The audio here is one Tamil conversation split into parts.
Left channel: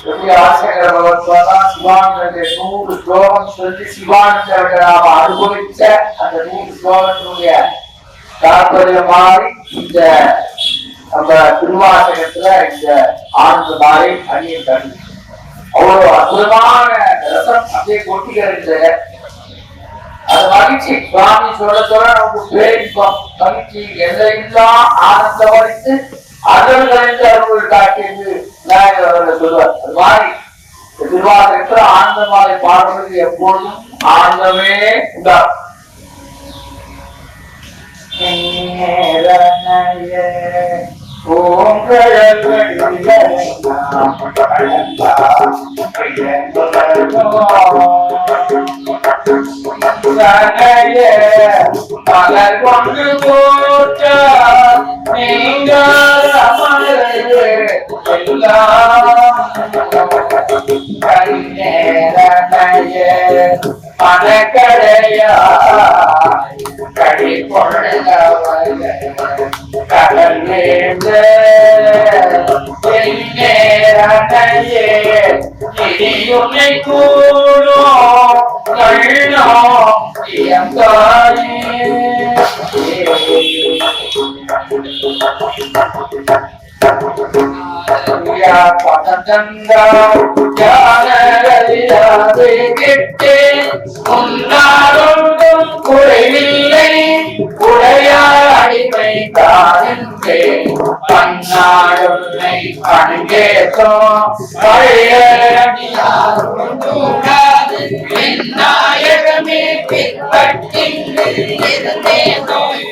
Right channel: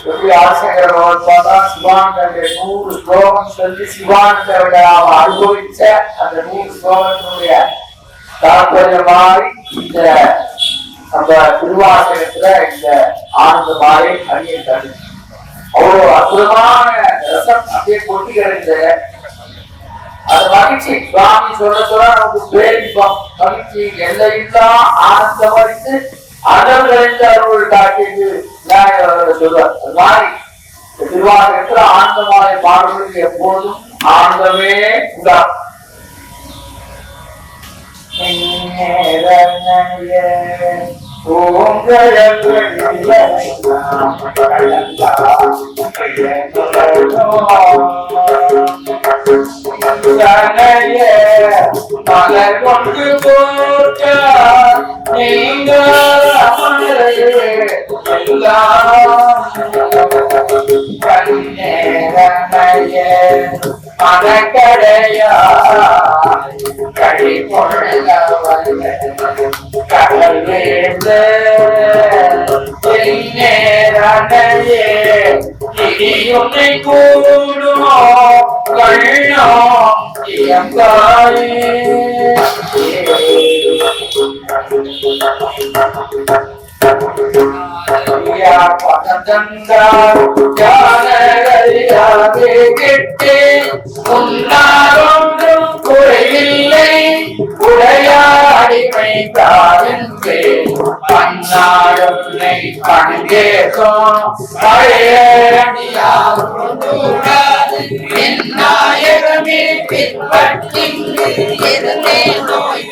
எப்படி ஆசங்கர பகவத்பாதா சிவானந்த 100 ஸ்லோகம் சொல்லி சிவானந்த அனுபவிச்ச அந்த 100 ஸ்லோகத்தினுடைய தாற்பயம் மாறி இந்த நம்ம திருவாசகத்துல இந்த ஆனந்த மாறி அணியை தனி அவ்வளவு அற்புதமான ரசம் அப்படியே கொட்டி கிடக்குது. அது மகிழ்ச்சி சுவாமி சொல்ல சொல்ல நமக்கு பேரிப்போம் மகிழ்ச்சி எல்லையில்லா ஆனந்தம் அளித்து அடல்களின் அருள் காட்டியது அவர்கள் சொல்வார். அது மாதிரி திருவாசகத்துல ஆனந்தமாலை பாடுவதற்கு எப்பொழுதும் ஆனந்தமே உண்டாகும். மலர் கொண்டு போட்ட நீங்கள் மனக்கடையா கடி பொழுதவன் கடல் வேண்டு இடியுன்னை கூடும் கண்ணோ இயங்காயே பதந்தா ஜானகரியாவே கிட்டு உன்னாரொன்றும் குறைவில்லை உடையார் அடிமை தாருந்தே பன்னாடுமை பணிந்தேசோ பழைய அடியார் கொண்டுடாது என் நாயகமே பின்பற்றிங்கு இருந்தே நோய்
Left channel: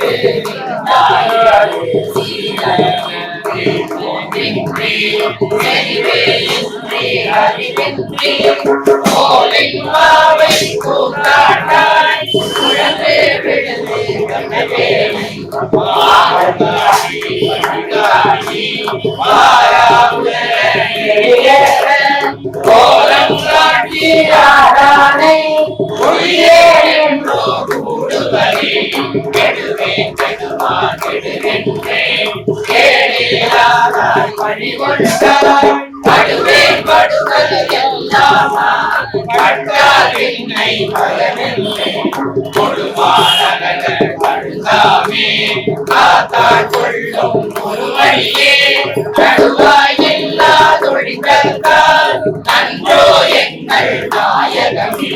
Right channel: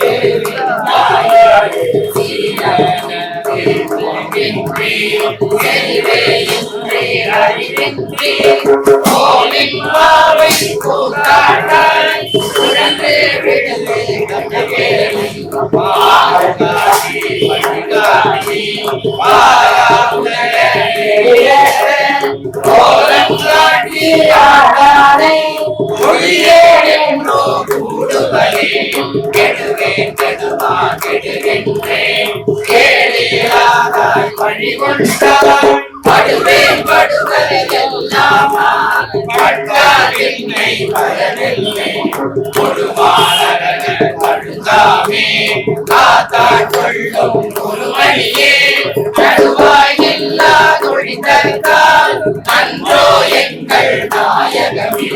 அன்றோ எங்கள் நாயகமே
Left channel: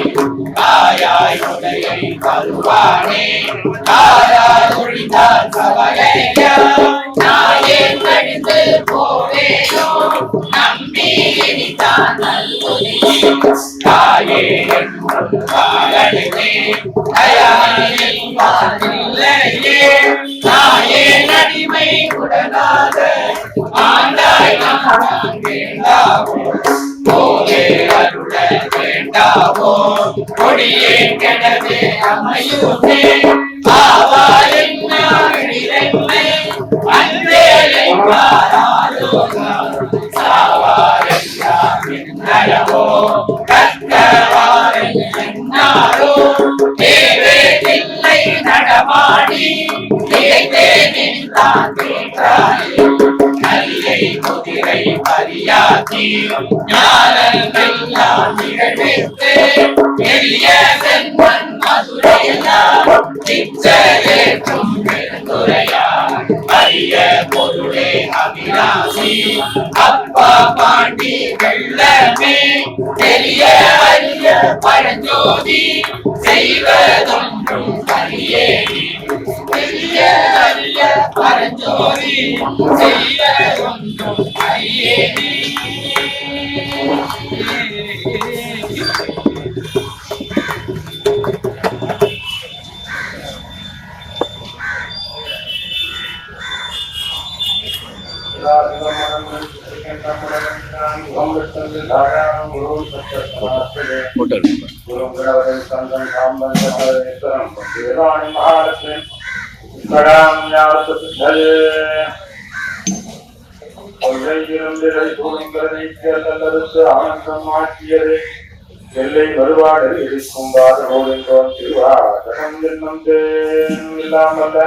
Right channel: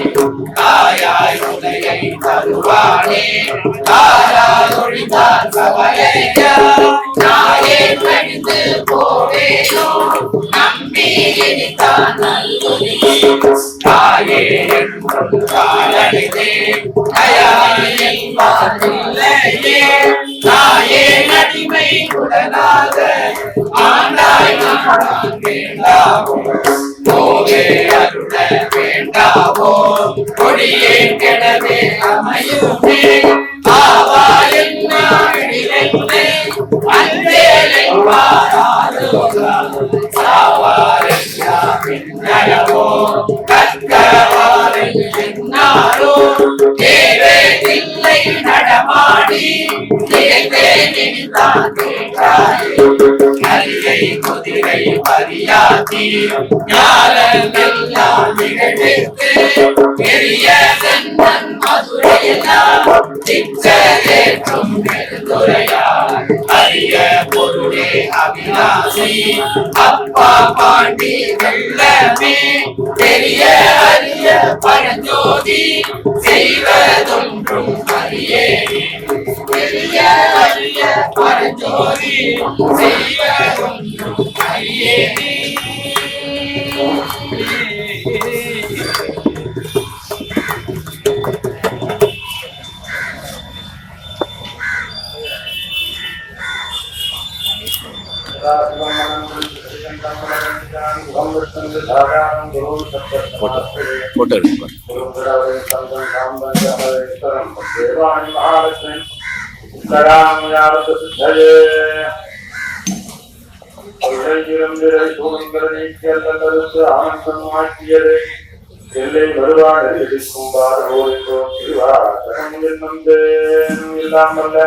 தாயாய் உதயை தருவானே தாராய் ஒழிந்தார் சவரையா நாயே கழிந்து போவேனோ நம்பி இனித்தான் நல்குதியே தாயே என்றும் காலனிதே தயாரில் பாதில்லையே தாயே நடிமை உடனாக ஆண்டாய் நான் வேண்டாவோ போவே அருள வேண்டாவோ கொடியே கிடவே அமையுமே ஆவா என்ன அன்பேலை மாறாரோ சாவாரோ கற்கவாரை என்னாரோ தேவேதில்லை நடமாடி கலியை குதிரை பரியாத்தி ஞானமெல்லாம் நிகழ்வித்து பெரிய சென்மன் மதுரையெல்லாம் சிச்சரேற்றும் பெருந்துரையார் அரிய பொருளே அவிநாசி அப்பா பாண்டி வெள்ளமே பெரிய அரிய பழஞ்சோதி செய்வதொன்றும் அறியேனே பெரிய அரிய பழஞ்சோதி செய்வதொன்றும் அறியேனே. ஆனந்தம் மாற்றியது எல்லை வருவாடு இருக்கும் பாதோம் திருவாசகம் இல்லாமல்ல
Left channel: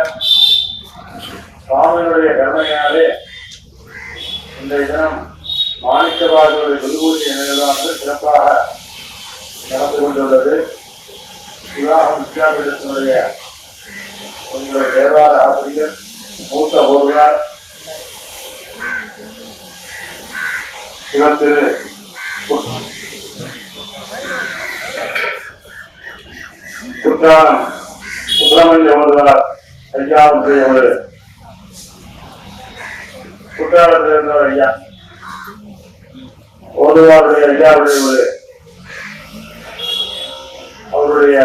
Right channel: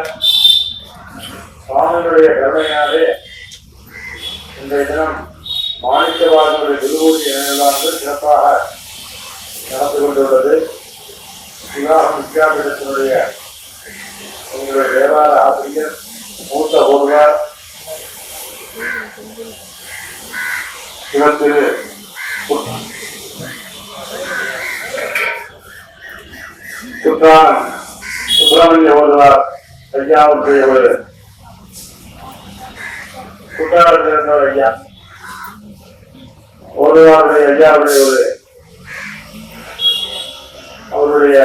சுவாமியினுடைய கருணையாலே இன்றைய தினம் மாணிக்கவாசனுடைய குருபூஜை நினைவானது சிறப்பாக நடந்து கொண்டுள்ளது. விவாகம் வித்யாபீடத்தினுடைய உங்களுடைய தேவார ஆசிரியர் மூத்த ஒருவர் இவர் திரு சுப்பிரமணிய ஓதுவார் ஐயாவுடைய ஒரு குற்றாலத்தில் ஐயா ஓதுவாருடைய ஐயாவுடைய ஒரு அவருடைய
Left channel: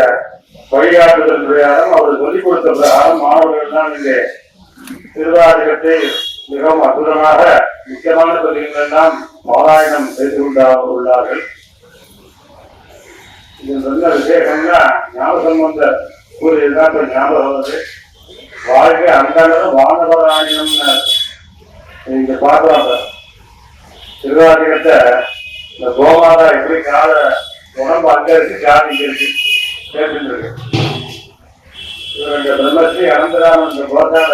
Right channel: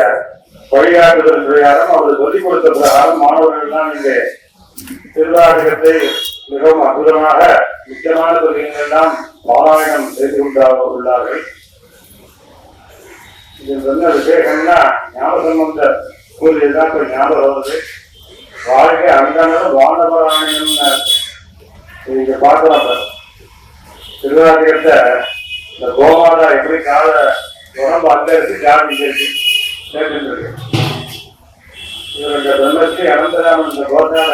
வழிகாட்டுதல் பிரகாரம் அவர் சொல்லிக் கொடுத்த பிரகாரம் மாணவர்கள் எல்லாம் இங்கே திருவாரகத்தை மிகவும் அற்புதமாக முக்கியமான தொழில்கள் எல்லாம் பாராயணம் செய்து கொண்டார்கள். இதில் சொன்ன விசேஷம்னா ஞானசம்பந்த கூறியதுதான் இப்ப ஞாபகம் வருது. வாழ்க்கை அந்த வானவராயணம்னு இங்க பாக்குறாங்க. திருவாரகத்தை இந்த கோமாதா எப்படி கால உடம்பு அங்க இருக்கு கால் இங்க இருக்கு கேட்டு இருக்கு. இவர் இந்த பிரம்மஸ்ரீ அனந்தராமன் இந்த கோட்டால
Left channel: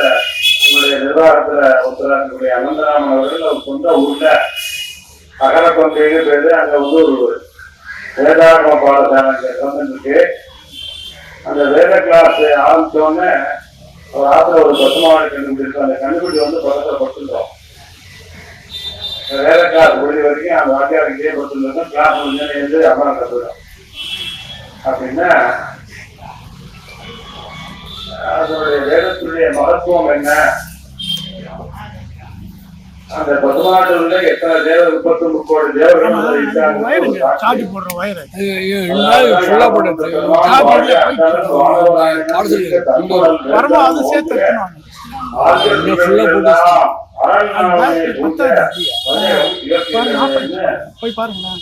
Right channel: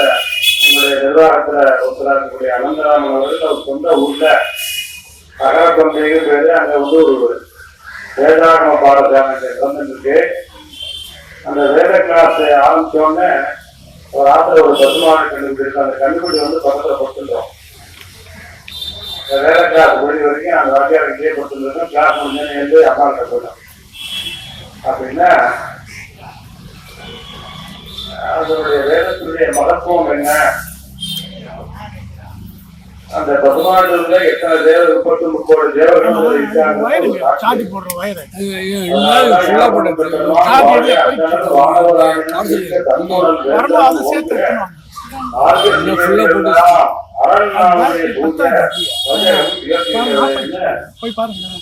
நம்முடைய நிர்வாகத்துல ஒருத்தராக இருக்கக்கூடிய அனந்தராமன் அவர்கள் அவர் சொந்த ஊர்ல அகரப்பந்தைக்கு பேரு. அங்க வந்து ஒரு வேதாகம பாடசாலை இருக்கு. அந்த வேத கிளாஸ் ஆரம்பிச்சோடனே ஒரு ஆத்துல ஒரு பசுமாடு கண்டுபிடிச்சு அந்த கண்டுபிடி வந்து பக்கத்துல படுத்துட்டோம். இந்த வேத கிளாஸ் முடிஞ்ச வரைக்கும் அந்த வாக்கியார் இங்கேயே படுத்துருந்தோம். கிளாஸ் முடிஞ்சு அம்மா கிட்ட போயிடும். அப்படின்னா அதனுடைய வேதத்துடைய மகத்துவம் என்ன, அந்த பசுமாட்டுல எத்தனை தேவர் 33 கோடி தேவர்கள்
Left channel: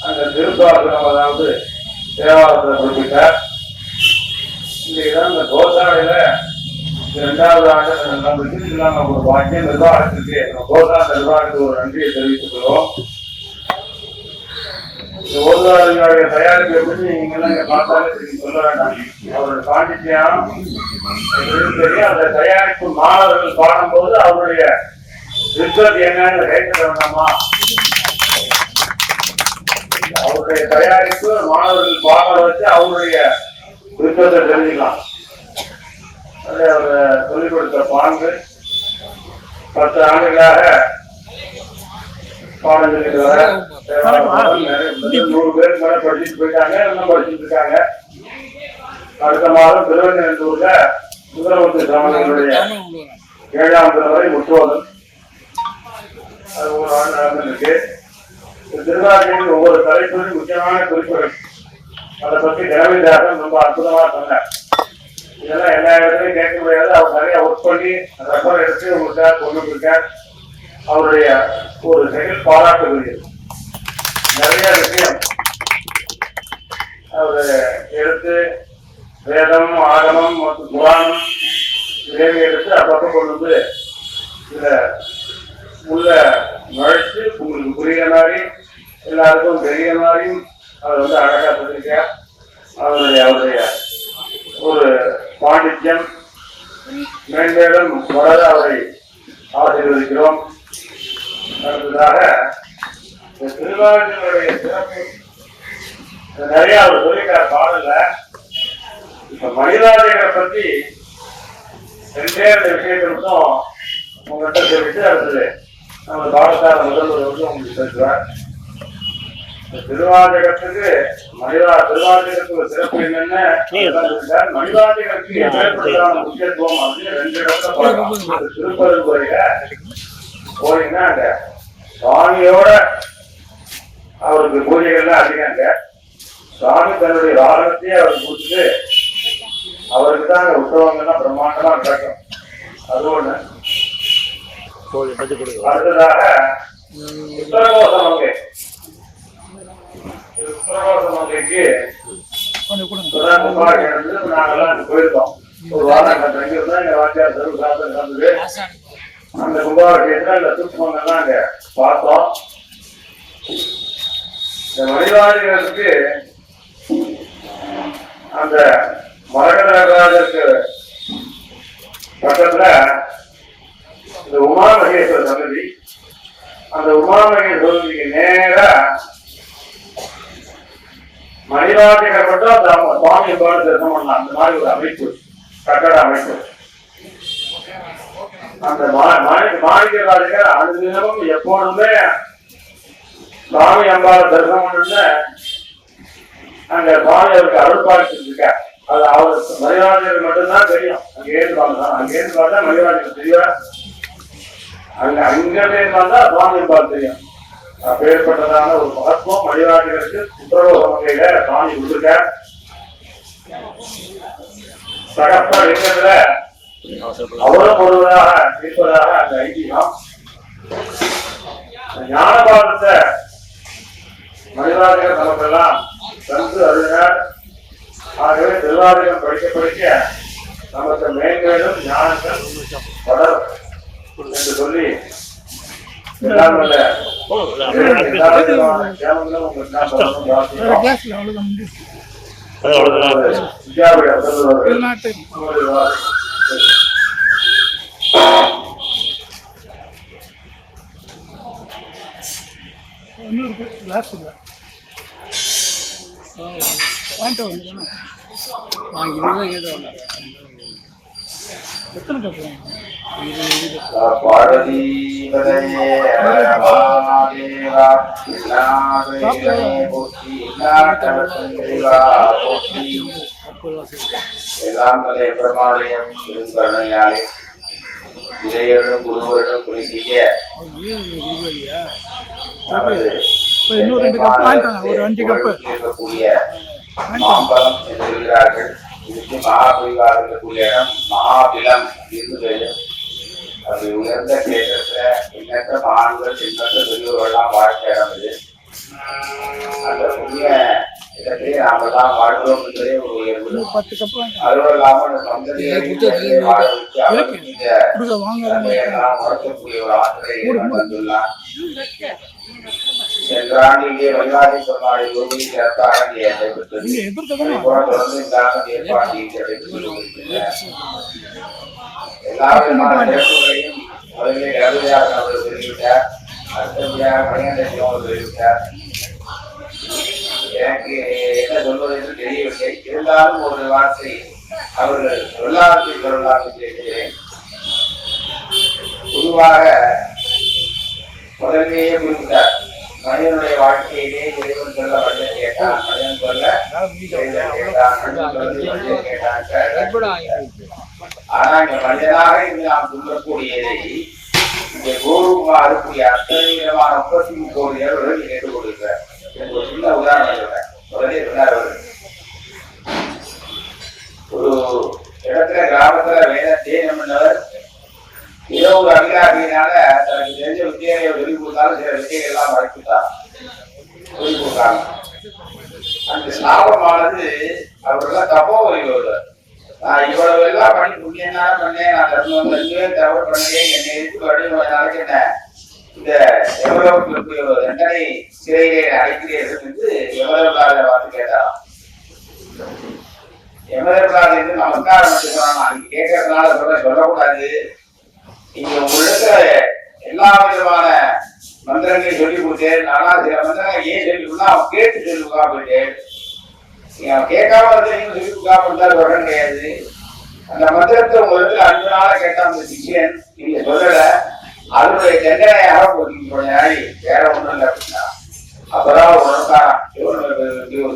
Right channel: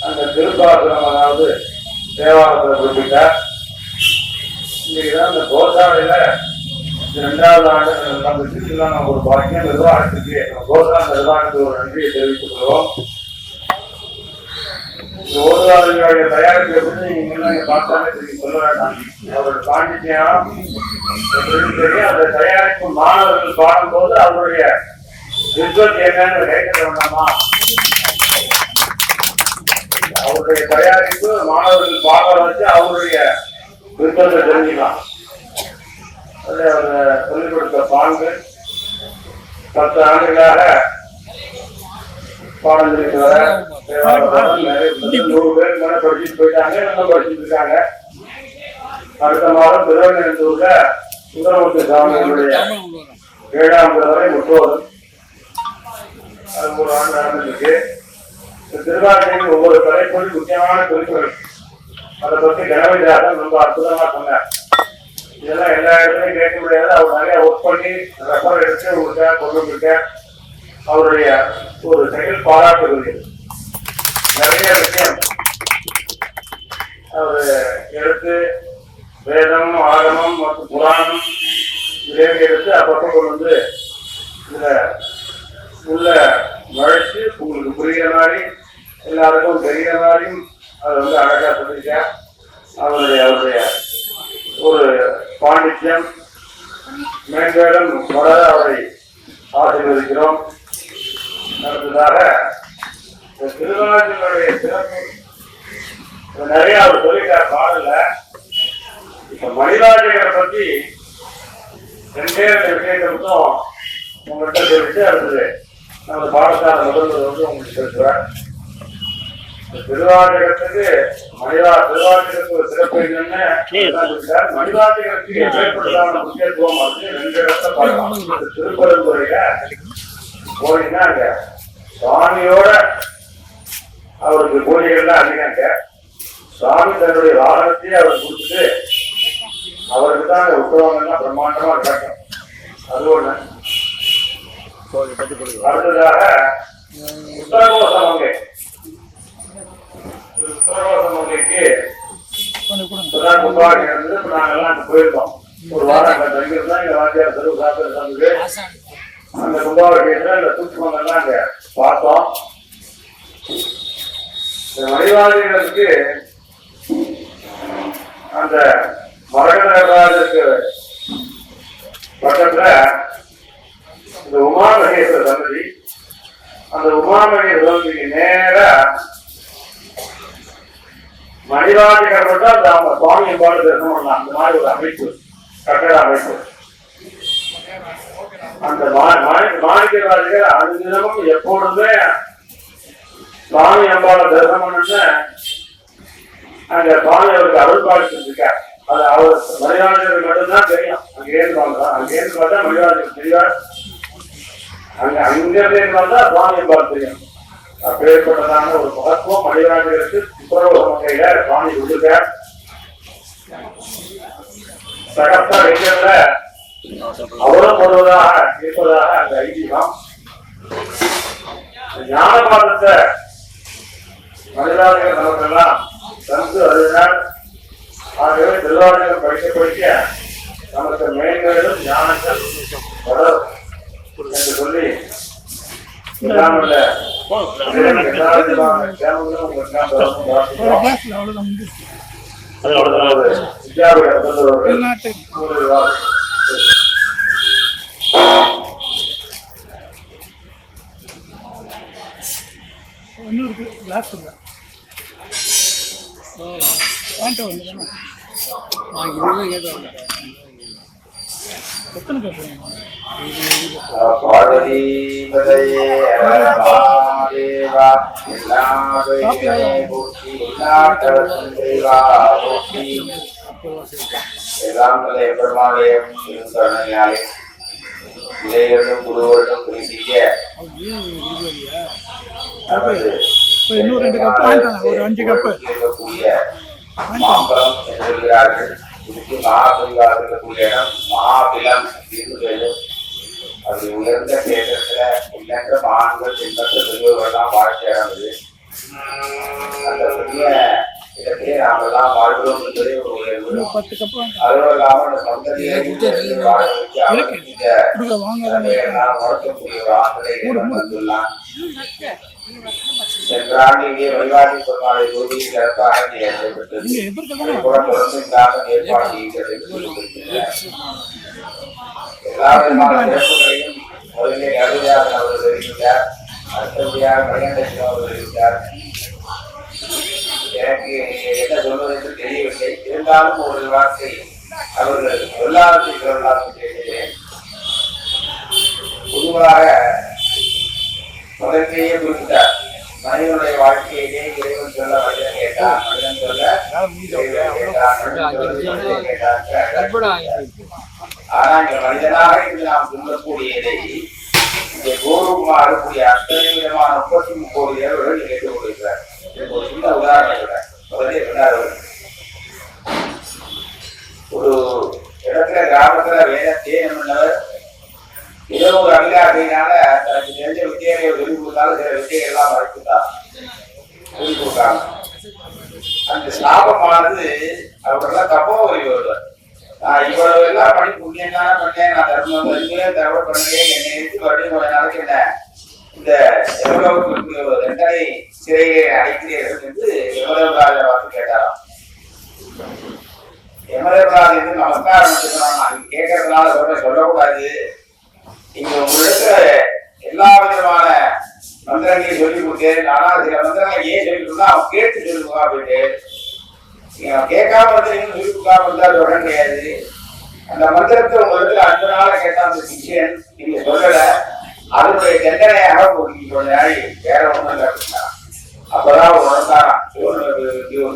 அந்த திருப்பாசனம் அதாவது தேவாலயத்துல குறிப்பிட்டார். இன்னைக்குதான் இந்த கோசாலையில 2வது ஆண்டு நம்ம ஒரு பாக்கியம் நிர்வாகத்திற்கு கோசா நிர்வாகத்துக்கு ஒரு நன்றியை தெரிவித்துக் கொள்வோம். ஓதுவாருடைய தயாரிப்பு எப்படி நீங்க எல்லாம் இங்க பார்த்தாலே சொல்ல வேண்டாம். அவருடைய பாண்டித்யம் தெரியும். அந்த தயாரிப்பு மாணவர்கள் பாடும்போது அவருடைய வித்வத் என்னன்னு கேட்க வேண்டாமா? அவருடைய தயாரிப்பு மாணவர்கள் பாட வச்சு அவருடைய விருப்பத்தை தெரிஞ்சுக்கலாம். அதை அவர் சொல்லிக் கொடுத்த பாங்கு 10 ஆண்டுகளாக பாடம் சொல்லிட்டு வர 100 பேருக்கு மேல படிச்சுட்டு போயிட்டாங்க. இன்னும் படிச்சுட்டு இருக்காங்க. அடுத்த மாதம் திருவண்ணூர்ல சுந்தரமூர்த்தி சாமிகளுடைய 7ஆம் வரை முற்றோது. அது 1 ஆண்டு நடந்திருக்கு. திருவாரூரின் ஒவ்வொரு தலைப்பும் முக்கியமான குறிப்புகள். அதை பற்றி கணவதிதாசன் ரொம்ப அற்புதமா சொன்னார். இதெல்லாம் எல்லா இடத்துலையும் கேட்க முடியாது. அவர் நிறைய ஒர்க் பண்ணி ரெஃபர் எடுத்து உங்களுக்காக கொண்டு இருக்க அவருடைய ஒரு செயல் பாராட்டுகிறது. நிறைய விஷயம் அவர் எடுத்து வேதம் ஆகமம் மற்றும் புராணம் இதை எடுத்து அப்பப்போ கொண்டு வந்து இதுல உள்ள நுழைச்சு உங்களுக்கு புரிகிற மாதிரி எல்லாருக்கும் தெரிய மாதிரியும் அதை வந்து அழகா சொல்லியிருக்க. அவருடைய ஒரு பாண்டித்யம் மேம்பேடம் வளர அவரை ஆசீர்வதிக்கிறோம். அடுத்ததாக திருவாரூருடைய சிறப்பு நிறைய அவர் சொல்லிட்டார் பாடல. இப்ப மணிவாதிகளை பத்தி 2 விஷயத்தை மட்டும் உங்கள்கிட்ட சொல்லிட்டு அடுத்தது அந்த பாடசாலை முதல்வர் வந்து உங்களுக்கு பேசுவார். திருவாரூரத்துக்கு திருவாரூரத்துக்கு ஒரு சிறப்பு என்னன்னு மணிவாதிகளுக்கு ஏற்படுத்தான முக்கியத்துவம் அப்படின்னு 2 இடத்துல பார்க்கலாம். திருப்பரங்குறையில போனீங்கன்னா அங்க சுவாமியோட அவருக்கு பூஜைகள்லாம் அதிகங்க. சுவாமி தன்னுடைய வாகனத்தையே அவருக்கு கொடுத்துட்டு அவருக்கு தான் அந்த உற்சவங்கள்லாம் பிரம்மாண்டமா நடக்கும். அது ஒண்ணு. அடுத்ததாக உத்தரகோசம் அங்கே உத்தரகோசமங்கைக்கு நாங்கெல்லாம் போயிருந்தோம். ஒரு வாரம் அங்க தங்கியிருந்தா எங்க வாத்தியார் தெருவு சாப்பிட்டு நடந்தது. அந்த கும்பாபிஷேகத்துல இந்த சூட்சமெல்லாம் அங்க பார்த்தோம். இந்த மணிவாதிகளுக்கு அந்த மரகதராஜருக்கு பக்கத்துல இந்த உமா மகேஸ்வர சன்னதி அந்த உமாமணி சோதனைக்கு நேர மணிராஜகர் மட்டும் அந்த சுவாமி எம்பாடு தரிசனம் பண்ணலாம். அந்த மாதிரி ஒரு அமைப்பு, கட்டட அமைப்பு. அந்த மாணிக்கராஜகர் அனுதினமும் எப்பொழுதுமே சுவாமி அம்பாவை தரிசனம் பண்ணு அங்க சுவாமி அவருக்கு அருள் பாலிச்சிருக்க. அது அவர் மணிராஜருக்கு மட்டும்தான் தெரியும். அங்கேருந்து பார்த்தா மணிராஜருக்கு தெரியாது. அங்கிருந்து வந்தா சுவாமி அம்பாள் தெரியும். அப்பேற்பட்டதான ஒரு மகத்துவம் மணிராஜருக்கு சித்திரலோக வகையில சுவாமி கொடுக்க. சகஸ்த லிங்கத்துல அவரும் பொருவதாக இருப்பதாக அந்த ஐதீகம். ஞானபாதத்தை மணிராஜகர் நமக்கெல்லாம் தந்து அருளினார். ஆகவே திருவாதிகம் படிக்க நமக்கு மேன்மேலும் ஞானங்கள் வளரும் என்று சொல்லி எத்தனை கப்பு எல்லாம் பெருமாளையும் கருணையாலே இளையர்களும் குருவர்களும் குறி செய்ய இன்னும் 2 கப் வாங்கிட்டாங்க. ஒரு 5 கப்பு இருக்கக்கூடிய மாம்பழம் என்று சொல்கிறார்கள். இதுக்கு மகாபரிவாக இருக்கக்கூடிய இடம் மகாபிலம் இருந்து அது உயர்ந்த கேட்டத்துல எண்ணற்ற மகான்கள் எண்ணற்ற பெரியவர்கள்லாம் வாழ்க்கை இடம் இது. அந்த புதிய இடத்திலே நாமெல்லாம் வாழ்கிறோம் என்பதே ஒரு உயர்வு. 10 கப் அதுவும் இல்லாமல் அந்த சந்ததியை வாழ வச்சு முடக்கக்கூடிய ஒரு ஆசிரியை வந்துள்ளார். சென்ற ஆண்டு இங்கே வைவாதி பெருமாளை உறுதியை சிறப்பாக ஏற்பட்டது. தொடர்ந்து இந்த ஆண்டு ஏற்பாடு செய்கிறது. எல்லா விதமான இழப்புகளையும் முதலிலே கருதியார் அவர்கள் வெளியிட்டார். அடுத்தபடியாக மணிகண்டேஸ்வரர் அவர்கள் வெளியிட்டார். எனக்கு என்ன சொல்வது என்று தெரியவில்லை. இருந்தாலும் ஒரு வார்த்தை அவர்கள் சொல்லாததை சொல்லலாம் கேட்கிறேன். பொதுவாக முதலிலேயே குறிப்பிட்டார், மனிதனுடைய வாழ்க்கையிலே இறைவன் சொல்ல மனிதன் கேட்டான், மனிதன் சொல்ல கேட்டான். ஆனா இந்த மனிதனாக இருந்து நாம் சொல்லக்கூடியதை இங்கே கோருமா இருக்கக்கூடிய அத்தனை விதமான 33 கோடி தேவர்கள் கேட்டுக் கொண்டிருக்கிறார். எனக்கு ஒரு சின்ன உதாரணம் இருக்கிறேன். முதலே சொன்னார், ஒரு இடத்துல கிராமத்துல வேத தேனம் பண்ணவர் ஏதோ ஒரு அபிலாஷையினால தனக்கு தெரிஞ்ச வித்தியாரையை வெளி கொடுத்தாலும் சில வித்தியை எல்லாம் மறைச்சுட்டார், வெளி கொடுத்தாங்க. அந்த சாபமானது அவர்களெல்லாம் தப்போ வரி வருவார். நான் இவ்வளவு எல்லாம் பண்ணி புண்ணியம் தானே பண்ணேன், நான் தர்மம் தவிர பண்ணலையே, என்னை எடுத்து மறுபடியும் கொஞ்ச நாளைக்கு என்ன இந்த எவ்வளவுக்கு இருக்கக்கூடிய தண்டனை சிறையிலே அடைக்கிறீர்கள் என்று எவ்வளவு பார்த்து கேட்டாராம். எமதர்கால் என்று நமஸ்காரம் நான் கேட்கறதுனால சொல்லக்கூடாது. நீங்க உங்களிடத்துல எல்லா விதமான மந்திரங்களையும் சொல்லி கொடுத்தேன். ஆனால் சில மந்திரங்களை ஏன் சொல்லி கொடுத்தா அவன் கேட்டு சொல்லி கொடுக்கா போயிட்டு நீங்க அவன் கேட்காம இருந்து நீங்க சொல்லி கொடுக்காம இருந்தாலும் சொல்ல கிடையாது. அந்த மந்திரத்தை உங்களிடத்துல 5 நாள கேட்டா அந்த சிஷியன் நீங்க சொல்லல, அதனுடைய தண்டனையாக கொஞ்ச நாளை வேற ஒண்ணும் இல்லை அப்படின்னா அப்பதான் உணர்ந்தாராம், ஒரு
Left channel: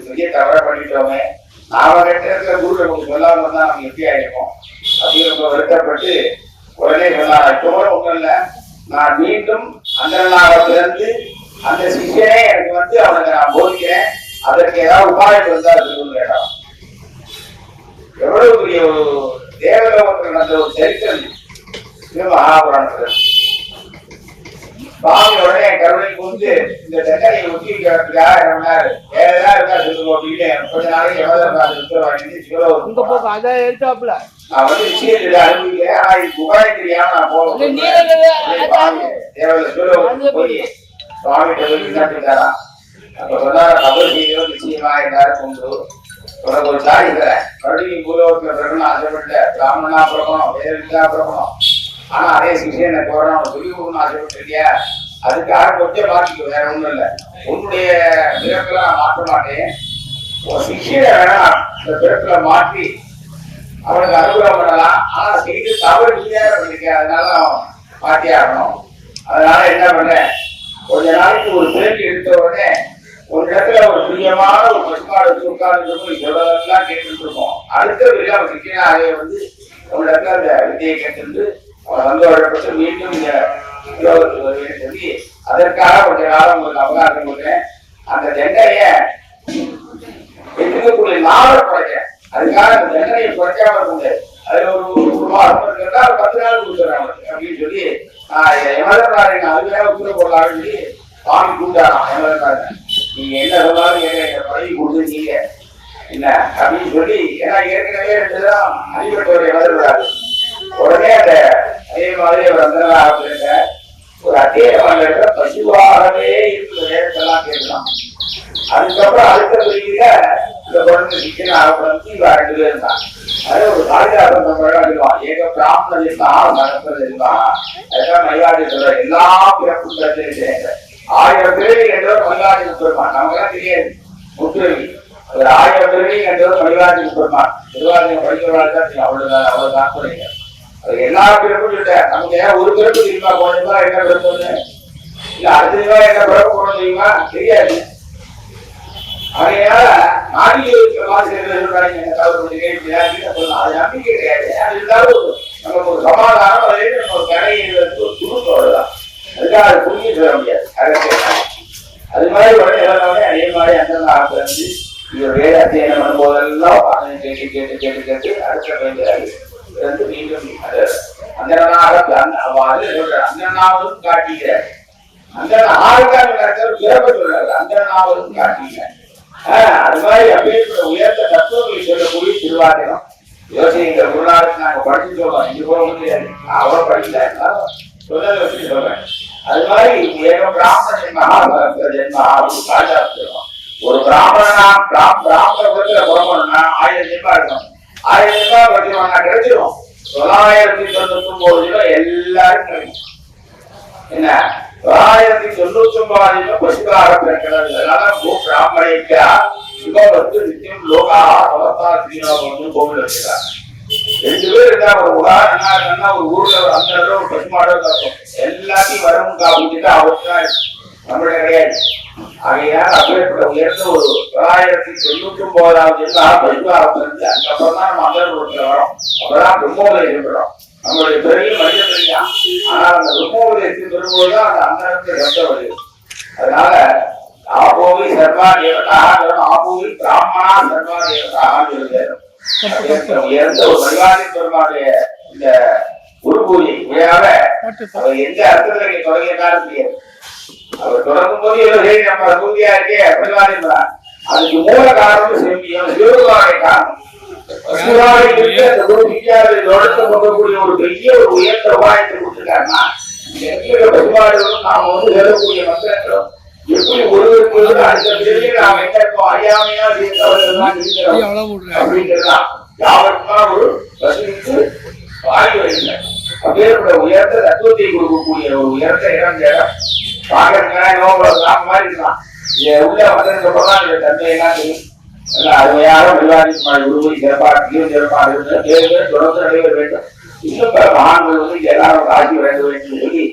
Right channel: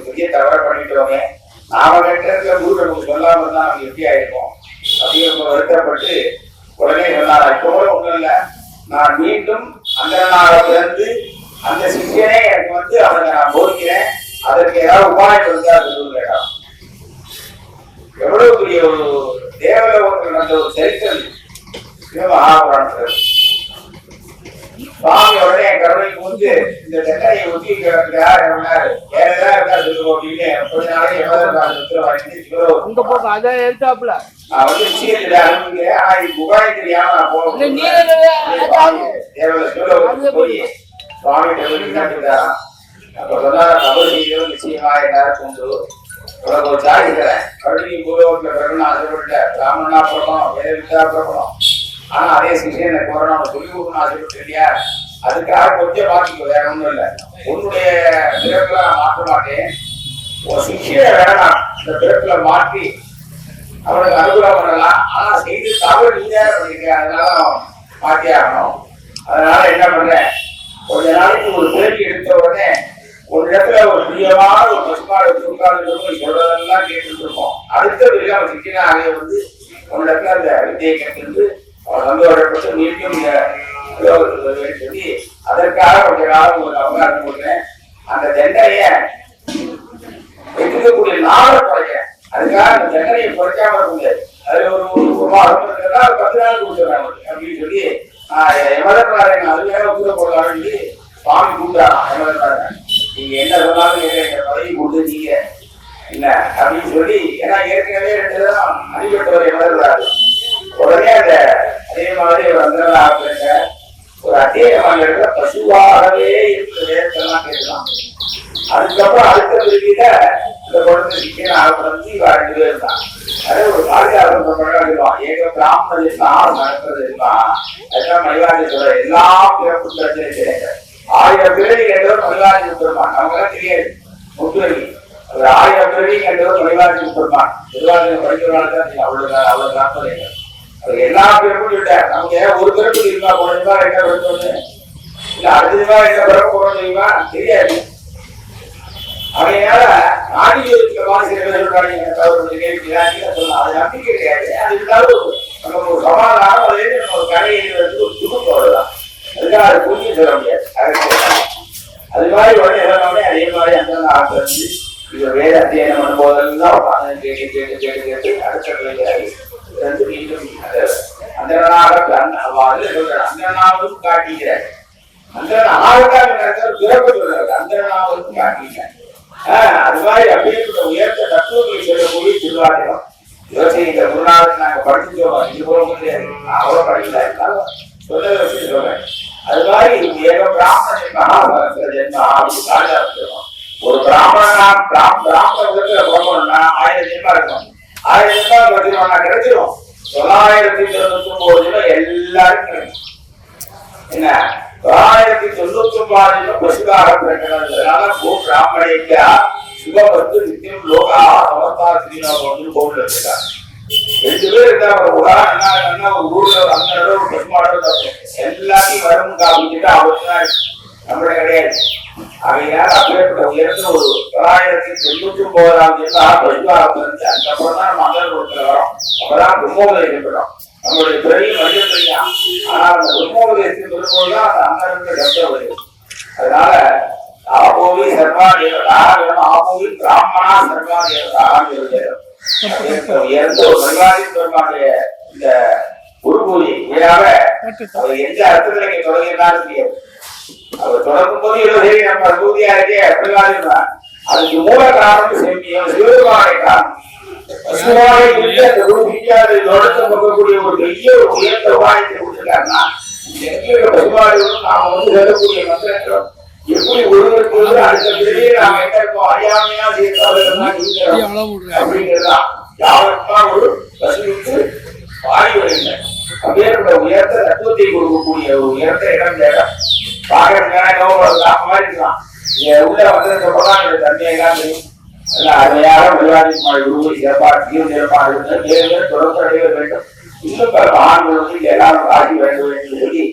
பெரிய தவற பண்ணிட்டோமே, நாம கேட்ட குரு நமக்கு சொல்லாம இருந்தா நமக்கு எப்படி ஆயிருக்கும் அப்படின்னு வருத்தப்பட்டு உடனே சொன்னாரா, இப்போ ஒண்ணும் இல்லை, நான் மீண்டும் அந்த பிறந்து அந்த சிஷியனே எனக்கு அவனை நான் போதிக்கிறேன், அதற்கு ஏதாவது உபாயம் இருந்தா சொல்லுங்க. எவ்வளவு பெரிய ஒரு தேவலோகத்தில் நடந்த ஒரு சரித்திரம் மகாபுராணத்தில். சுவாமி உடனே என் கருணை கூர்ந்து இந்த தண்டனையை ஒட்டி வைக்கிறதுக்காக வேற ஏதாவது இருக்கா சொல்லுவோம் அப்படின்னு கொஞ்ச நாளைக்கு எவ்வளவு நான் விஷயத்துல அனுபவிக்கிறேன். ஆனா இது உபாயம் தெரியாம நான் போய் போய் சுவாமி காட்டுறாரா. அப்ப சொன்னார கபல் செய்தோ நிச்சயமா எல்லாரும் கொண்டு உனக்கு ஒரு சாய் இருக்கிறேன், மறுபடியும் பூலோகத்துல பிறக்கணும் ஆசைப்பட்ட பிராமணனா பிறக்கணும், வேத வித்தா பிறக்கணும், ஆனா அதே சிஷியனை போறணும் சொல்லி கொடுக்கணும் ஆசைப்பட்டு இல்லையா, அதுக்காக கொஞ்சம் மாற்றிக்கோ, வேற ஒண்ணும் இல்லை. உன்னுடைய பிறப்புல நான் மாற்ற மாட்டேன். உன் சிஷியை வேணாம் இந்த பிறப்புல மாற்றி அவனுக்கு அனுகூலம் பண்ணலாம். ஆனா செய்து தவறு நீதான் பண்ணிருக்க, அதனால மாற்றி ஆகணும். அதனால என்ன பண்றேன், கொஞ்ச நாளைக்கு ஒரு பிறவி எடுத்த உடனே ஒரு இடத்துல ஒரு பிரியமான ஒரு பசுமாடு வச்சு உட்கார்ந்து சொல்றதெல்லாம் கேட்டுட்டு இருக்கோம். அடுத்த பிறகு அவன் சிக்கனாக வந்து ஒரு இடத்துல அந்த வித்தியை கேட்டு அவன் சந்தோஷப்பட்டு மீண்டும் இந்த உலகத்துக்கு வருவேன்னு சொல்லி அதற்காக கொஞ்ச காலம் உங்களுக்கு அவகாசம் கொடுக்குறேன். அந்த தண்டனைய எடுக்கக்கூடிய நாளை குறைக்கிறேன். அதுக்காக அந்த தண்டனையை குறைக்காம இருக்க முடியாது. அதுல ஒரு மாதம் இருக்கிறதா 10 நாள் கொடுத்துறாங்க அப்படின்னு சொல்லி எமதன்றாரு அதுக்காக தூர போடலாம் சொல்லி சுவாமி கூப்பிட்டாராம். எமதன்றாரு நீங்க என்ன சொன்னாலும் எங்க பதவி கொடுத்துருக்கீங்க என்ன அப்படின்னு சொல்லி, ஏன்னா ஏற்கனவே 2 தரம் அடிபட்டவர் எமதன்றாரு. உடனே அந்த அதே மாதிரி ஒரு அந்த ஒரு அத்தியாயம் இடத்துல பசுவாகவே இருக்கிற வேதத்தெல்லாம் கேட்கலாம். அதுக்கப்புறம் அடுத்த பிரிவில இந்த குழந்தை சிக்கன ஆகப்படந்து இவ 2 பேர் இருந்தான். அதே ஒரு காளிதாசன் சொல்லுவான், ஏக பிராமணன் இருந்தான் மனசது இருந்தான். அதுதான் மணிவாதி சொல்ற எல்லா பிறப்பும் பிரச்சனை 1000 பிறவி என்றவர் மணிவாதி முப்பெருமான். நமக்கெல்லாம் தெரியாது முப்பிறவி, ஒரு 1000 பிறவி என்றவர் மணிவாதி முப்பெருமான். திருவாதிரை படிக்கிறவர்கள் தான் தெரியும். அவ்வளவு தாக்குறைகள் எல்லா பிறப்பும் சொல்லிட்டார். நமக்கு ஒரு பிறப்பு தெரியுமா, போனதுமா என்ன பிறப்பு இல்ல அடுத்ததுமா என்ன பிறப்பு போறோம் தெரியுமா தெரியாது. அதனால அது நம்பிக்கை கிடையாது. அது இருந்தாலும் நமக்கு ஒரு சமாதானம், அதுலேருந்து நம்ம ஒரு கரையிலிருந்து ஒரு துணுக்கு வருதான். அதுக்காக அது புரிய சொல்ல முடியாது. அது மாதிரி உடனே எல்லாமே அதே மாதிரி அந்த ஆட்கள் வந்து இவர் வேத அத்தியனம் பண்ணும்போதெல்லாம் கேட்டு கேட்டு கேட்டு கேட்டு அடுத்த மீண்டும் அந்த அந்தனாவும் காட்டுகிறார். அந்த ஆளுக்காக பிறப்பு சொல்றாரு, அந்தனாவும் காட்டுகிறார். அது மாதிரி அப்பேற்பட்ட உயர்ந்த தத்துவங்களை சொல்லக்கூடிய திருவாதிரம் யோசனை. இந்த குருநாதத்தை நாங்க படிச்சுட்டோம், இங்க போக முடியாது, நான் அவ்வளோ படிக்கல, இருந்தாலும் சொன்னதை வச்சு சொல்றேன். அது மாதிரி ஏக பிராமண ஜென்மஹா சகஸ்ர ஜென்மஹா அப்படின்னு காளிதாசம். ஒரு பிராமணனா பிராமண குலத்துல பிறக்கணும்னா 1000 ஜென்மா இருக்கணும். 1000 ஜென்மா படிச்சிருவாங்க கிடைச்சிடும். 999 ஜென்மம் எல்லாரும் கிடைக்கும். என்ன 999 பசுவாக பிறக்கிறது. அதனால பிராமணிக்கா சுகமத்து நித்தியம் லோகா அவஸ்தா ஸ்ரீனோகம் கோவில் இருக்கிறார். 2 பேர் இருந்தா ஒரு உதாரணம் ஒரு ஊர்ல அந்த ஒரு பசுமாடோ எல்லாத்தையும் வரும் காப்பிட்டு அவர்தான் நம்மளுடைய கிடையாது. ஆகையால் அப்பேற்பட்ட உயர்ந்த ஒரு 999ஆம் ஜென்மம் பசுவாக பிறந்து அதுக்கப்புறம் தான் நம்ம அந்த ஊருக்கு வரோம். அப்பதான் பிரம்மோதயம் இருக்கிறோம். நம்மளுடைய பெரிய மனித பிரியா. ஆனால் அந்த பிரம்மோதயத்தின் பெரும்போதுதான் அந்த அந்தரங்க ரத்தம் வருது. அதனால ஆபோவி சர்வா தேவதாக ஆபோவி பிராமணா சர்வா தேவதாக உயர்ந்த ஒரு பரிவாரி பெருமானுடைய இந்த குரு பூஜை விழாவ அவர் எந்த அர்த்தத்துல நீங்க தொடங்கினாலும் தெரியாது. அவர் தொடங்கும் போது சரி நம்ம பூஜையா இருக்கே பரிவாரி தான். அதுக்கு மூல காரணம் சிவபெருமானுடைய காரணம். கொடுக்கக்கூடிய ஒரு பெரிய ஒரு உயர்ந்த உபாயத்தை கொடுத்திருக்காருன்னா பசுமாடுகளும் நாம வந்து சொல்லக்கூடிய மந்திரங்களும் எப்படி ஒருவருக்கு அடுத்த பிறகு நாம் எங்க இருக்கோம் அறியாமையா அப்படிங்கிறதுதான் யாருக்குமா ஒரு பசுவுக்கு வாயு வருகின்ற அப்பேற்பட்ட உயர்ந்த தத்துவத்தை கொடுக்கக்கூடிய ஒரு உயர்ந்த இடம் தேடம் பார்க்கறதுக்கான மாதிரி இருக்கலாம். உள்ள வந்ததுக்கு அப்புறம் தான் என்னுடைய தன்மையெல்லாம் தெரியும். அருமையாக விளையாடி குருவை சிறப்பாக சிறப்பாக பேர் தொடர்ந்து நடைபெற வேண்டும். இன்னும் பல மகான்கள் வந்து எல்லாரும் ஆட்சி வேண்டும் என்று சொல்லி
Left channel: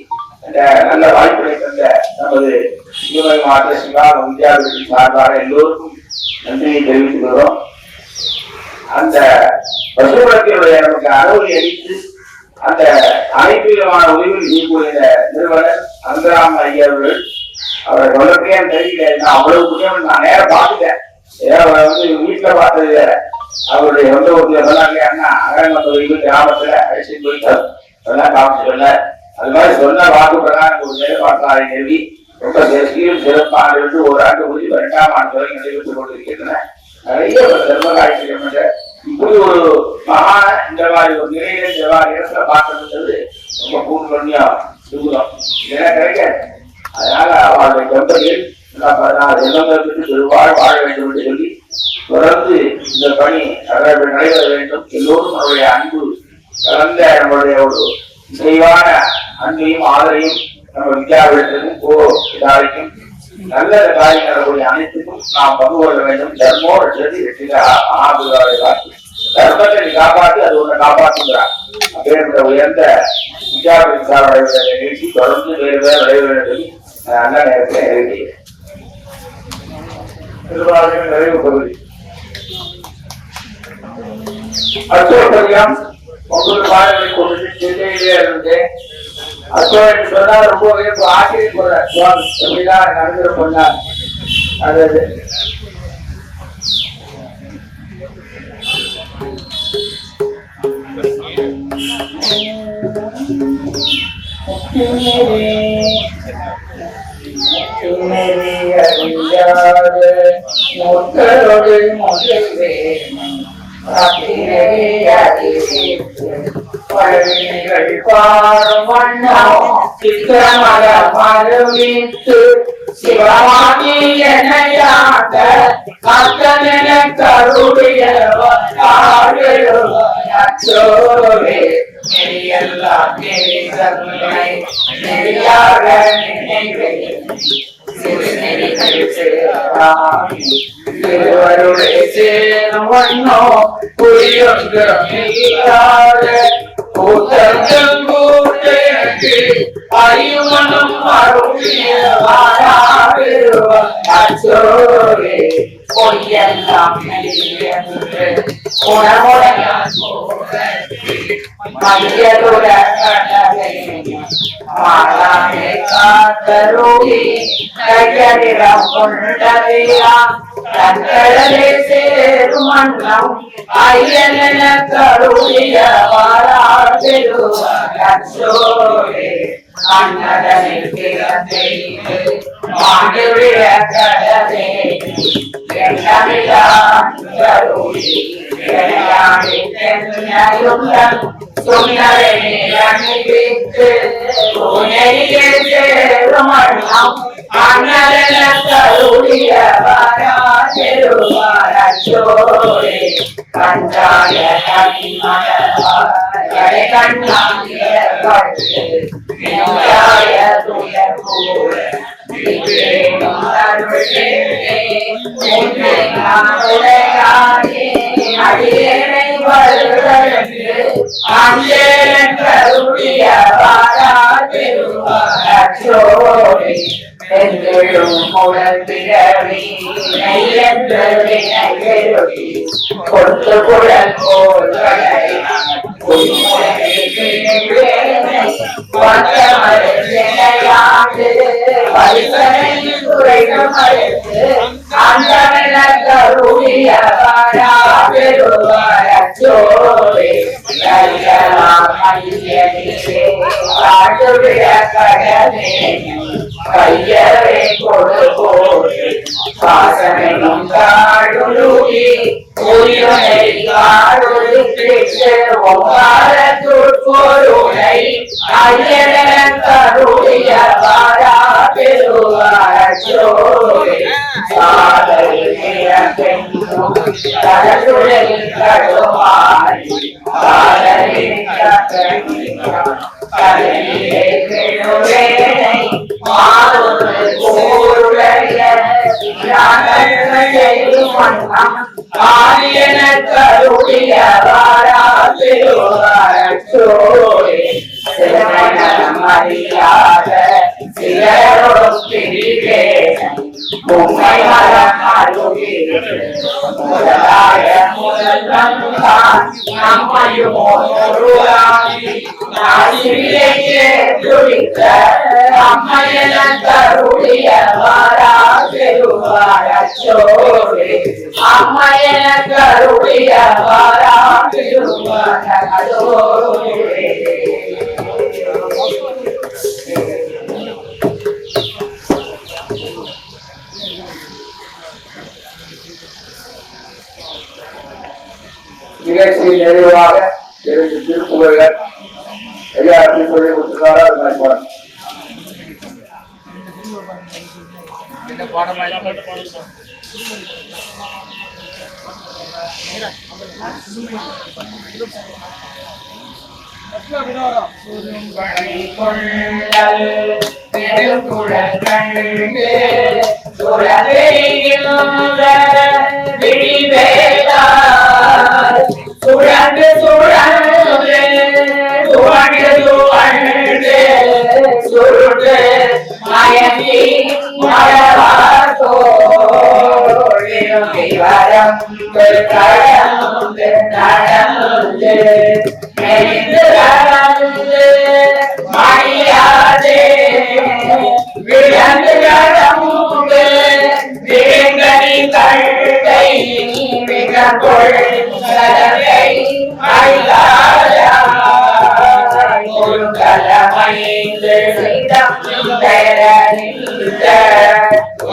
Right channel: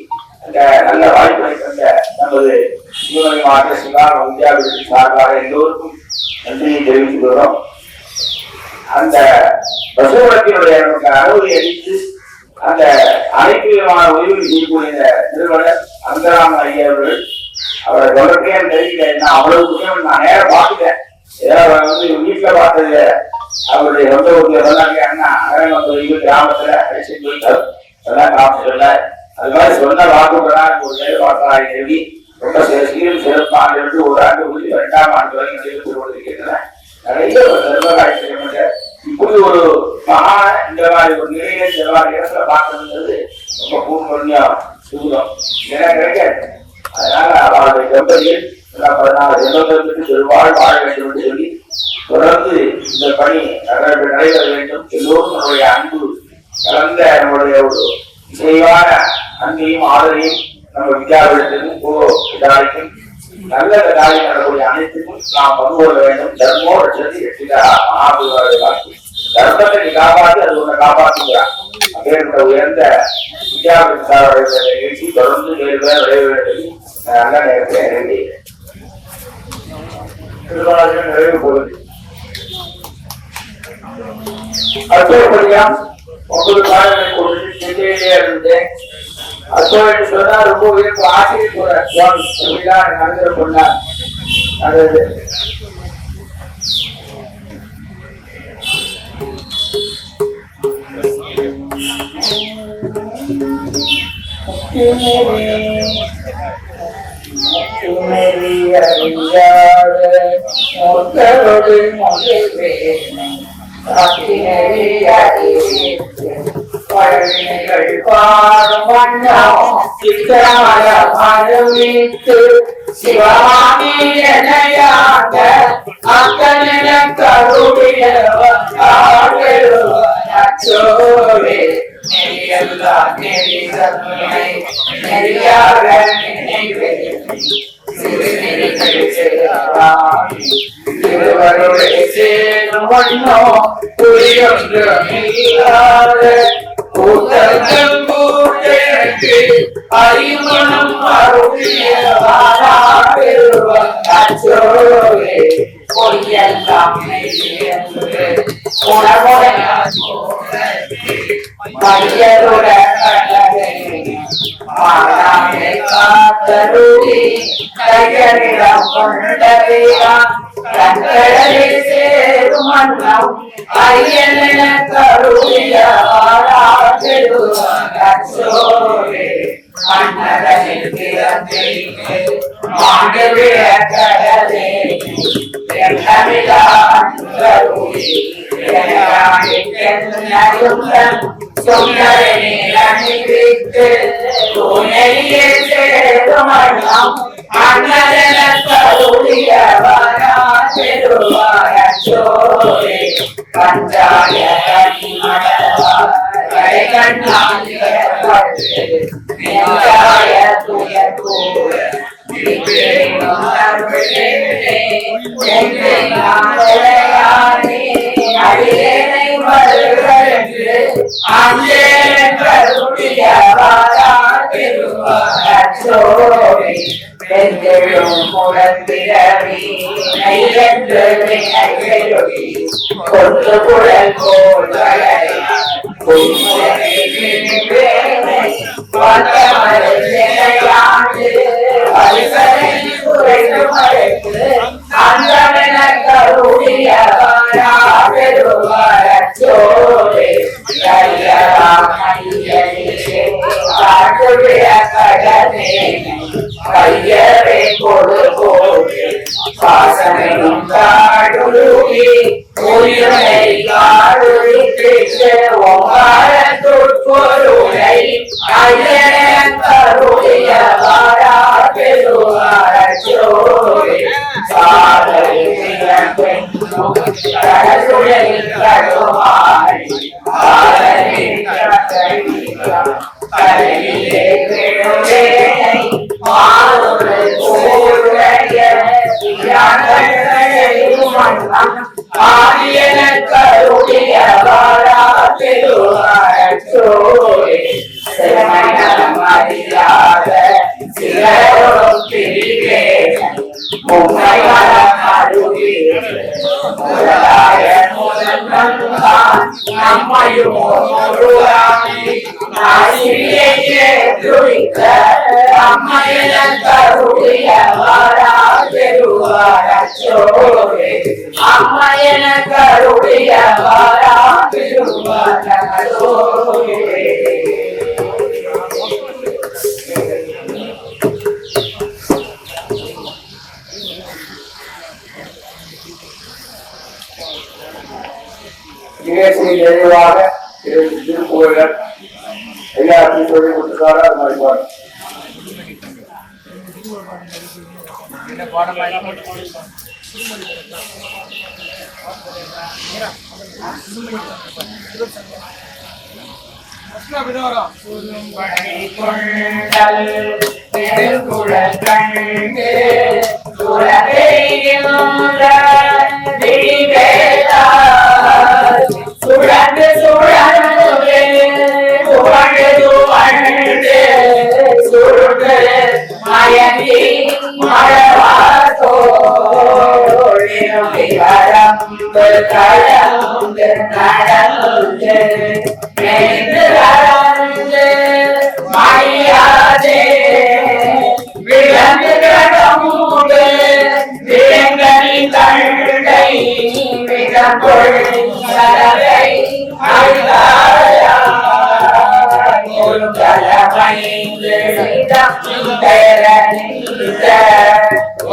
அந்த நல்ல வாய்ப்பை தந்த நமது சிவகங்கை மாவட்ட சிவா வித்யாபீடத்தின் சார்பாக எல்லோருக்கும் நன்றியை தெரிவித்துக் கொள்கிறோம். அந்த பசுமரத்தினுடைய நமக்கு அனுமதி அளித்து அந்த அனைத்து விதமான உதவிகள் செய்யக்கூடிய நிறுவனர் அந்தராம ஐயர்கள் அவரை சொல்லப்பே தெரியல. அவ்வளவு முக்கியம் நான் நேரம் பார்த்துட்டேன். வந்து வீட்டுல பார்த்தது அவருடைய சொந்த ஊர்ல சொன்னாங்க. அண்ணா அகரங்க கிராமத்துல அடிச்சு போயிட்டார் அதெல்லாம் காமிச்சு. அது மாதிரி சொன்ன வாக்குப்பதான் ஒரு நிலைப்பாட்டாளை நிறுவி ரொம்ப சீரும் சிறப்பாக இருந்து 1 ஆண்டு முடிஞ்சு 2ஆம் ஆண்டு வரை நடைபெற்றுக் கொண்டிருக்கின்றன. நிறைய ஒரு தர்மகாட்சியம் இப்படி ஒரு மகான இந்த மாதிரி ஒரு நிலையில இந்த மாதிரி இடத்துல பார்க்கணுங்கிறது ரொம்ப பூர்வன்யம் சூதம் இதெல்லாம் கிடைக்காது. அதனால அவருடைய கம்பெனியில் 14 ஜென்மங்களுக்கு பெருவாழ் வாழ வேண்டும் என்று சொல்லி தொடர்ந்து இந்த பணி நடைபெற வேண்டும். எல்லோரும் நம்முடைய அன்பு கலந்த நம்முடைய ஒரு இசைவான அன்பையும் ஆதரையும் நம்ம வித்யாபீடத்திற்கும் இதாரிக்கும் நல்ல காரியம் நடக்கூடிய அனைத்துக்கும் நாம் பங்கு கொள்ள வேண்டும். தர்மோ ரட்சதி வெற்றிகா மகாபுராதான் தர்மத்தை நீ காப்பாற்றி அது உன்னை காப்பாற்றுகிறார். அப்படின்ற உயர்ந்த வித்யாபீடத்தாருடைய நிகழ்ச்சி தொடர்ந்து வேறு வேறு விளைவுகளை நல்ல நேரத்தில் நிறைவேறுகிறேன். திருவாரூர் நிறைவு பகுதி அச்சோப்பதியம் 9 பாடங்களை கொண்டு சென்னையிலே இருந்தேன். அச்சோன்னு சொன்னா ரொம்ப உயர்வு ஆச்சரியப்படுறேன். சுவாமி எப்படிலாம் நடந்துட பண்ணார். அது மக்களோடு மகிழ்வே பழவினைகள் பாடும் வண்ணம் சித்திரமல மறுவித்து சிவமாகி எனையாண்ட அத்தனின கருடைய அச்சோவே நெறியெல்லாம் நெறிகளை நெறியாக நினைவே திருவருளை சேரும் வண்ணோ புரியொன்று இல்லாத கூட்டங்கள் கூட்டஎனக்கு அறிமணம் அச்சோவே பொய்யெல்லாம் உணவுடைய மையலுடன் மாலாமை காத்தருளி கையரிடம் கொண்டதையா கண்களே சேரும் மன்னம் ஐயன கருளிய வாராசோரே அன்னதனில் பிறந்தே மாடுவிய கடலே கருளி சொன்னரே அணிவித்து உனையே சேரும் மன்னம் அண்ணல கருளிய வாராசோரே கஞ்சாய கனிமழை கண்ணாய துயர்கூற அடியனை வருகிறது அங்கே கருளிய வாராசோரே பெண்களும் முழந்திரவி நெய்யன்று வினைகளுடி கொண்டு குழல் போல்களை அந்தன கருளிய வாராசோரே கடலே கையவே கொடுபோடு வாசனையும் காடுருகி உயிரை காடுரித்து ஒவ்வாரத்துட்பொருளை ஐயன கருளிய வாராசோரே சாதரில் கடுமாறி ஆதியன கருளிய வாராசோரே மரியாத சிலரே உண்மை மரம் அருவி முதலாய முதல் நம்மையும் அம்மையன கருளிய வாராசோரே அம்மையன கருளிய வாராசோரே நிகழ்ச்சியில் நிறைவாக 2 திருப்புகழ்கள் ஐயா அப்படி சொல்லி கொடுத்துருக்காரா அது மாதிரி பாடம் என்ன பாடமா கொண்டல் நெடுங்குழல் கண்டு சுரந்தெரிகின்ற விழிவேலால் சுழன்று சுழன்று சுவண்டு சுவண்டு சுருட்டு மயங்கி மழவாத்தோழிரும்பி வரம்பு கடந்து நடந்து மெய்ந்து நடந்து மணியாதே விளந்து கடம்பு விலங்கனி கண்டை மிகங்கொள் சலகை அழிலாயாய் ஒருங்கலமைந்து சிதம் பெறனின்ற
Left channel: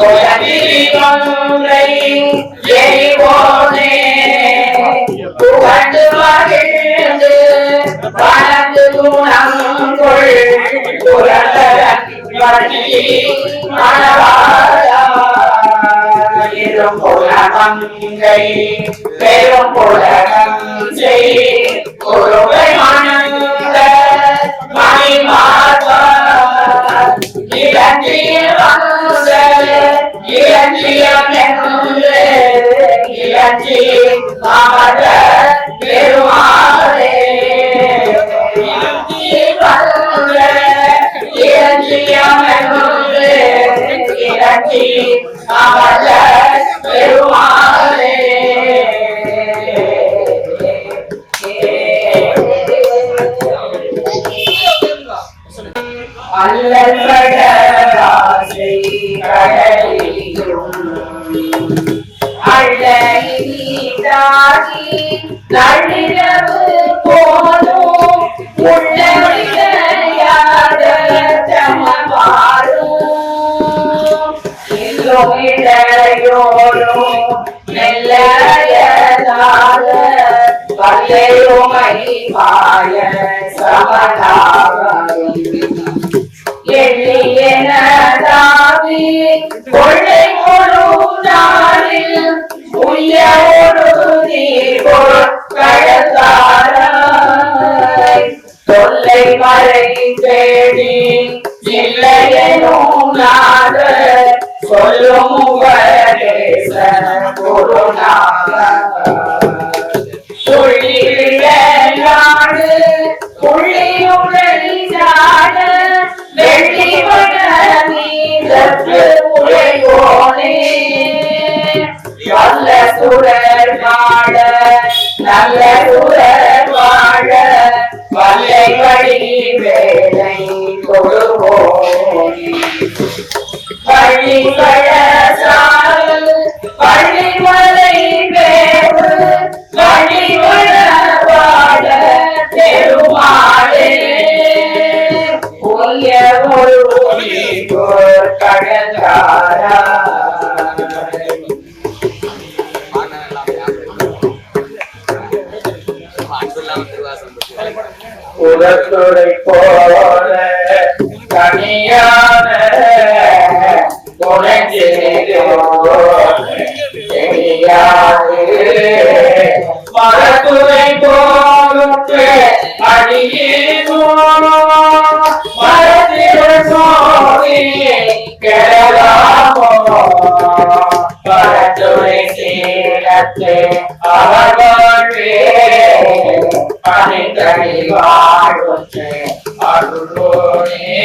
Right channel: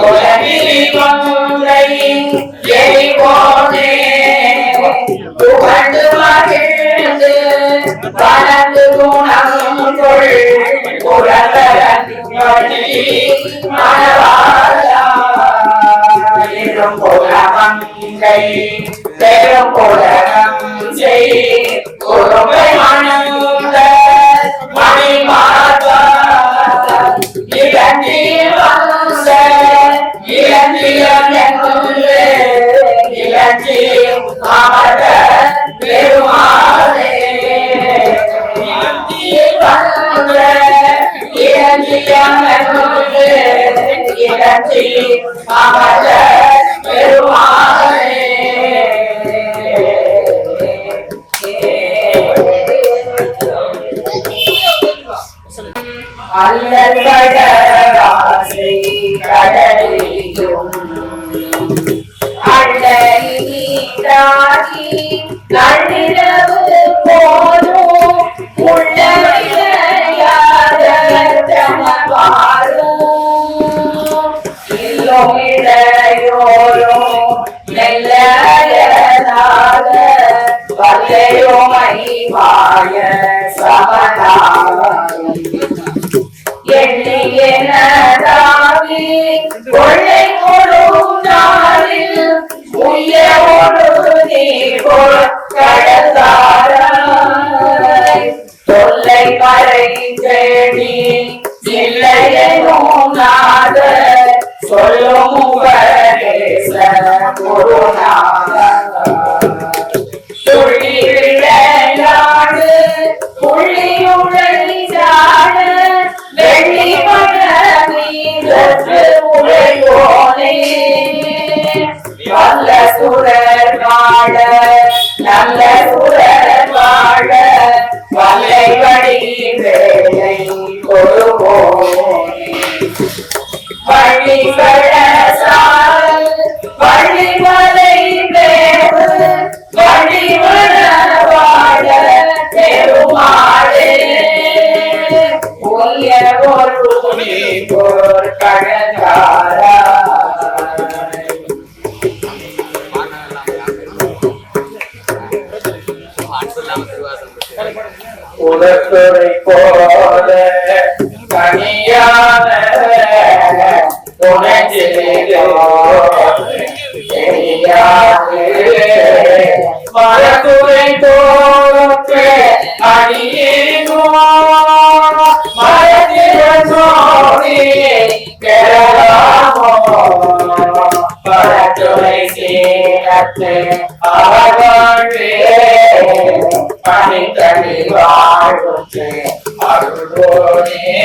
உலகிலி ஒன்றை எரிவோனே புகழ்ந்து மகிழ்ந்து பலந்து குணங்கொள் புரதரன் வழி மணவாளா இரும் புலமங்கை பெரும் புலகம் செய் குருவை மணந்த மணிமார்பா இளஞ்சியில் வந்த இளஞ்சியம் என்று இளஞ்சியில் அமர்ந்த பெருமாளே இளஞ்சியில் வந்த இளஞ்சியம் என்று இளஞ்சியில் அமர்ந்த பெருமாளே அல்லல்படராசை கடலிலும் அள்ளி நள்ளிரவு போலும் உள்ளையாத தமவாரும் இல்லம் இடையோரும் நெல்லையதாத வல்லையுமை வாழ சமனாரும் எண்ணியனதாவி கொள்ளை முழு நாளில் உய்யோடு நீர் கடந்தாராய் தொல்லை மறை தேடி இல்லையெனும் நாத சொல்லும் உபதேச குருநாத துள்ளி விளையாடு புள்ளியுடை சாட வெள்ளி மன நீரத்து உழைவோனே நல்ல சுரர் வாழ நல்ல சுரர் வாழ வல்லை வழி வேலை கொடுவோனே வழி கழசால் வழி மலை வேறு வழி வள வாழ பெருமாளே உய பொருளி போர் கடந்தாரா உலகத்தை போல தனியான மரத்துறை தோறுக்கு அடியேனோ மரத்திறி கெடலாமோ மரத்துறை சீனத்தை அவர் வாழ்வே பணித்தடி வாழ்வுக்கு அருள்வோனே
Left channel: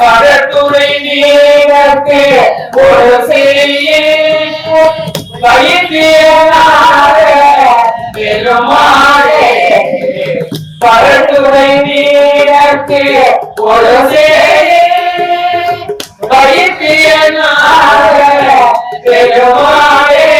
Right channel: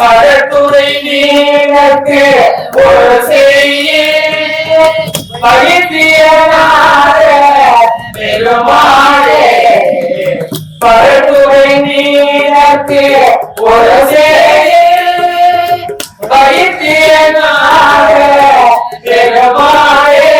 மரத்துறை நீருக்கு ஒரு செய்ய பயிற்சியனார பெருமாளே பரத்துறை நீருக்கு ஒரு செய்ய பயிற்சியனார பெருமாளே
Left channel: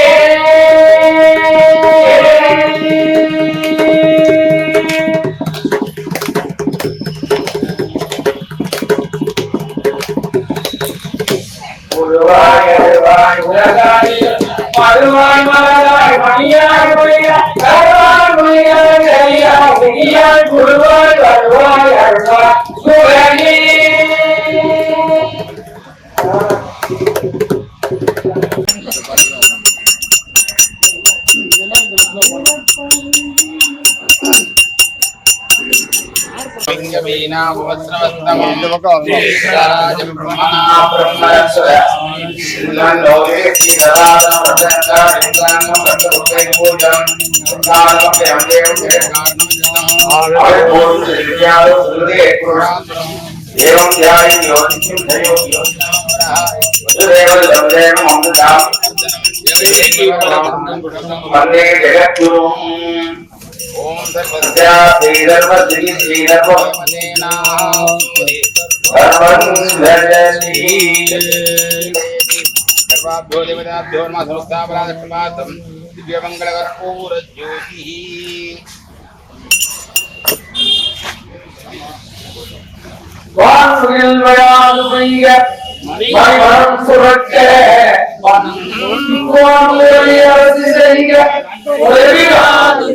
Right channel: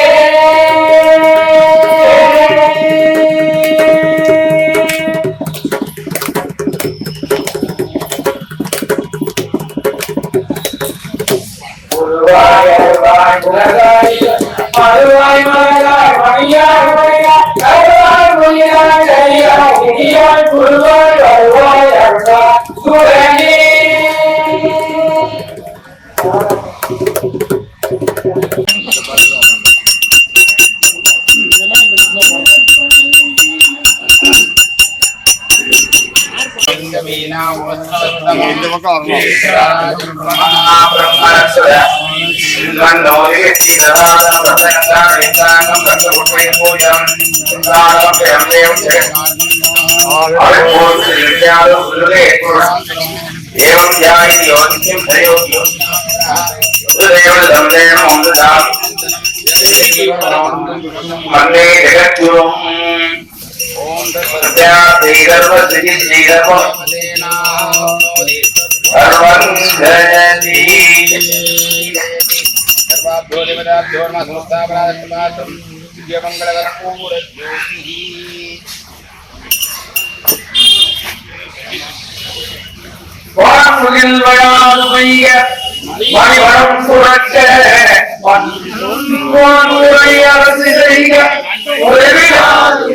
மறுவாய் மலராய் மணியாய் மொழியாய் அருவாய் மொழியாய் அழியாய் விடியாய் குருவாய் அருவாய் அருவாய் சுரணி एवं ध्यायति योनिं धयोति उदयवदम्देन मोददाम मन्ये जगद्गुरुं ओम तत्सत्या श्रीधर्मश्री श्रीधर्मसेना सर्वं जयति सर्वाभ्यो देवताभ्यो नमः समस्तापराधमात्रं दिव्यमङ्गलकर्पूरज्योतिः வான்முகில் வளாது பெய்ய மணிவரம் புரட்ச வான்முறை அரசு செய்க உதவியாது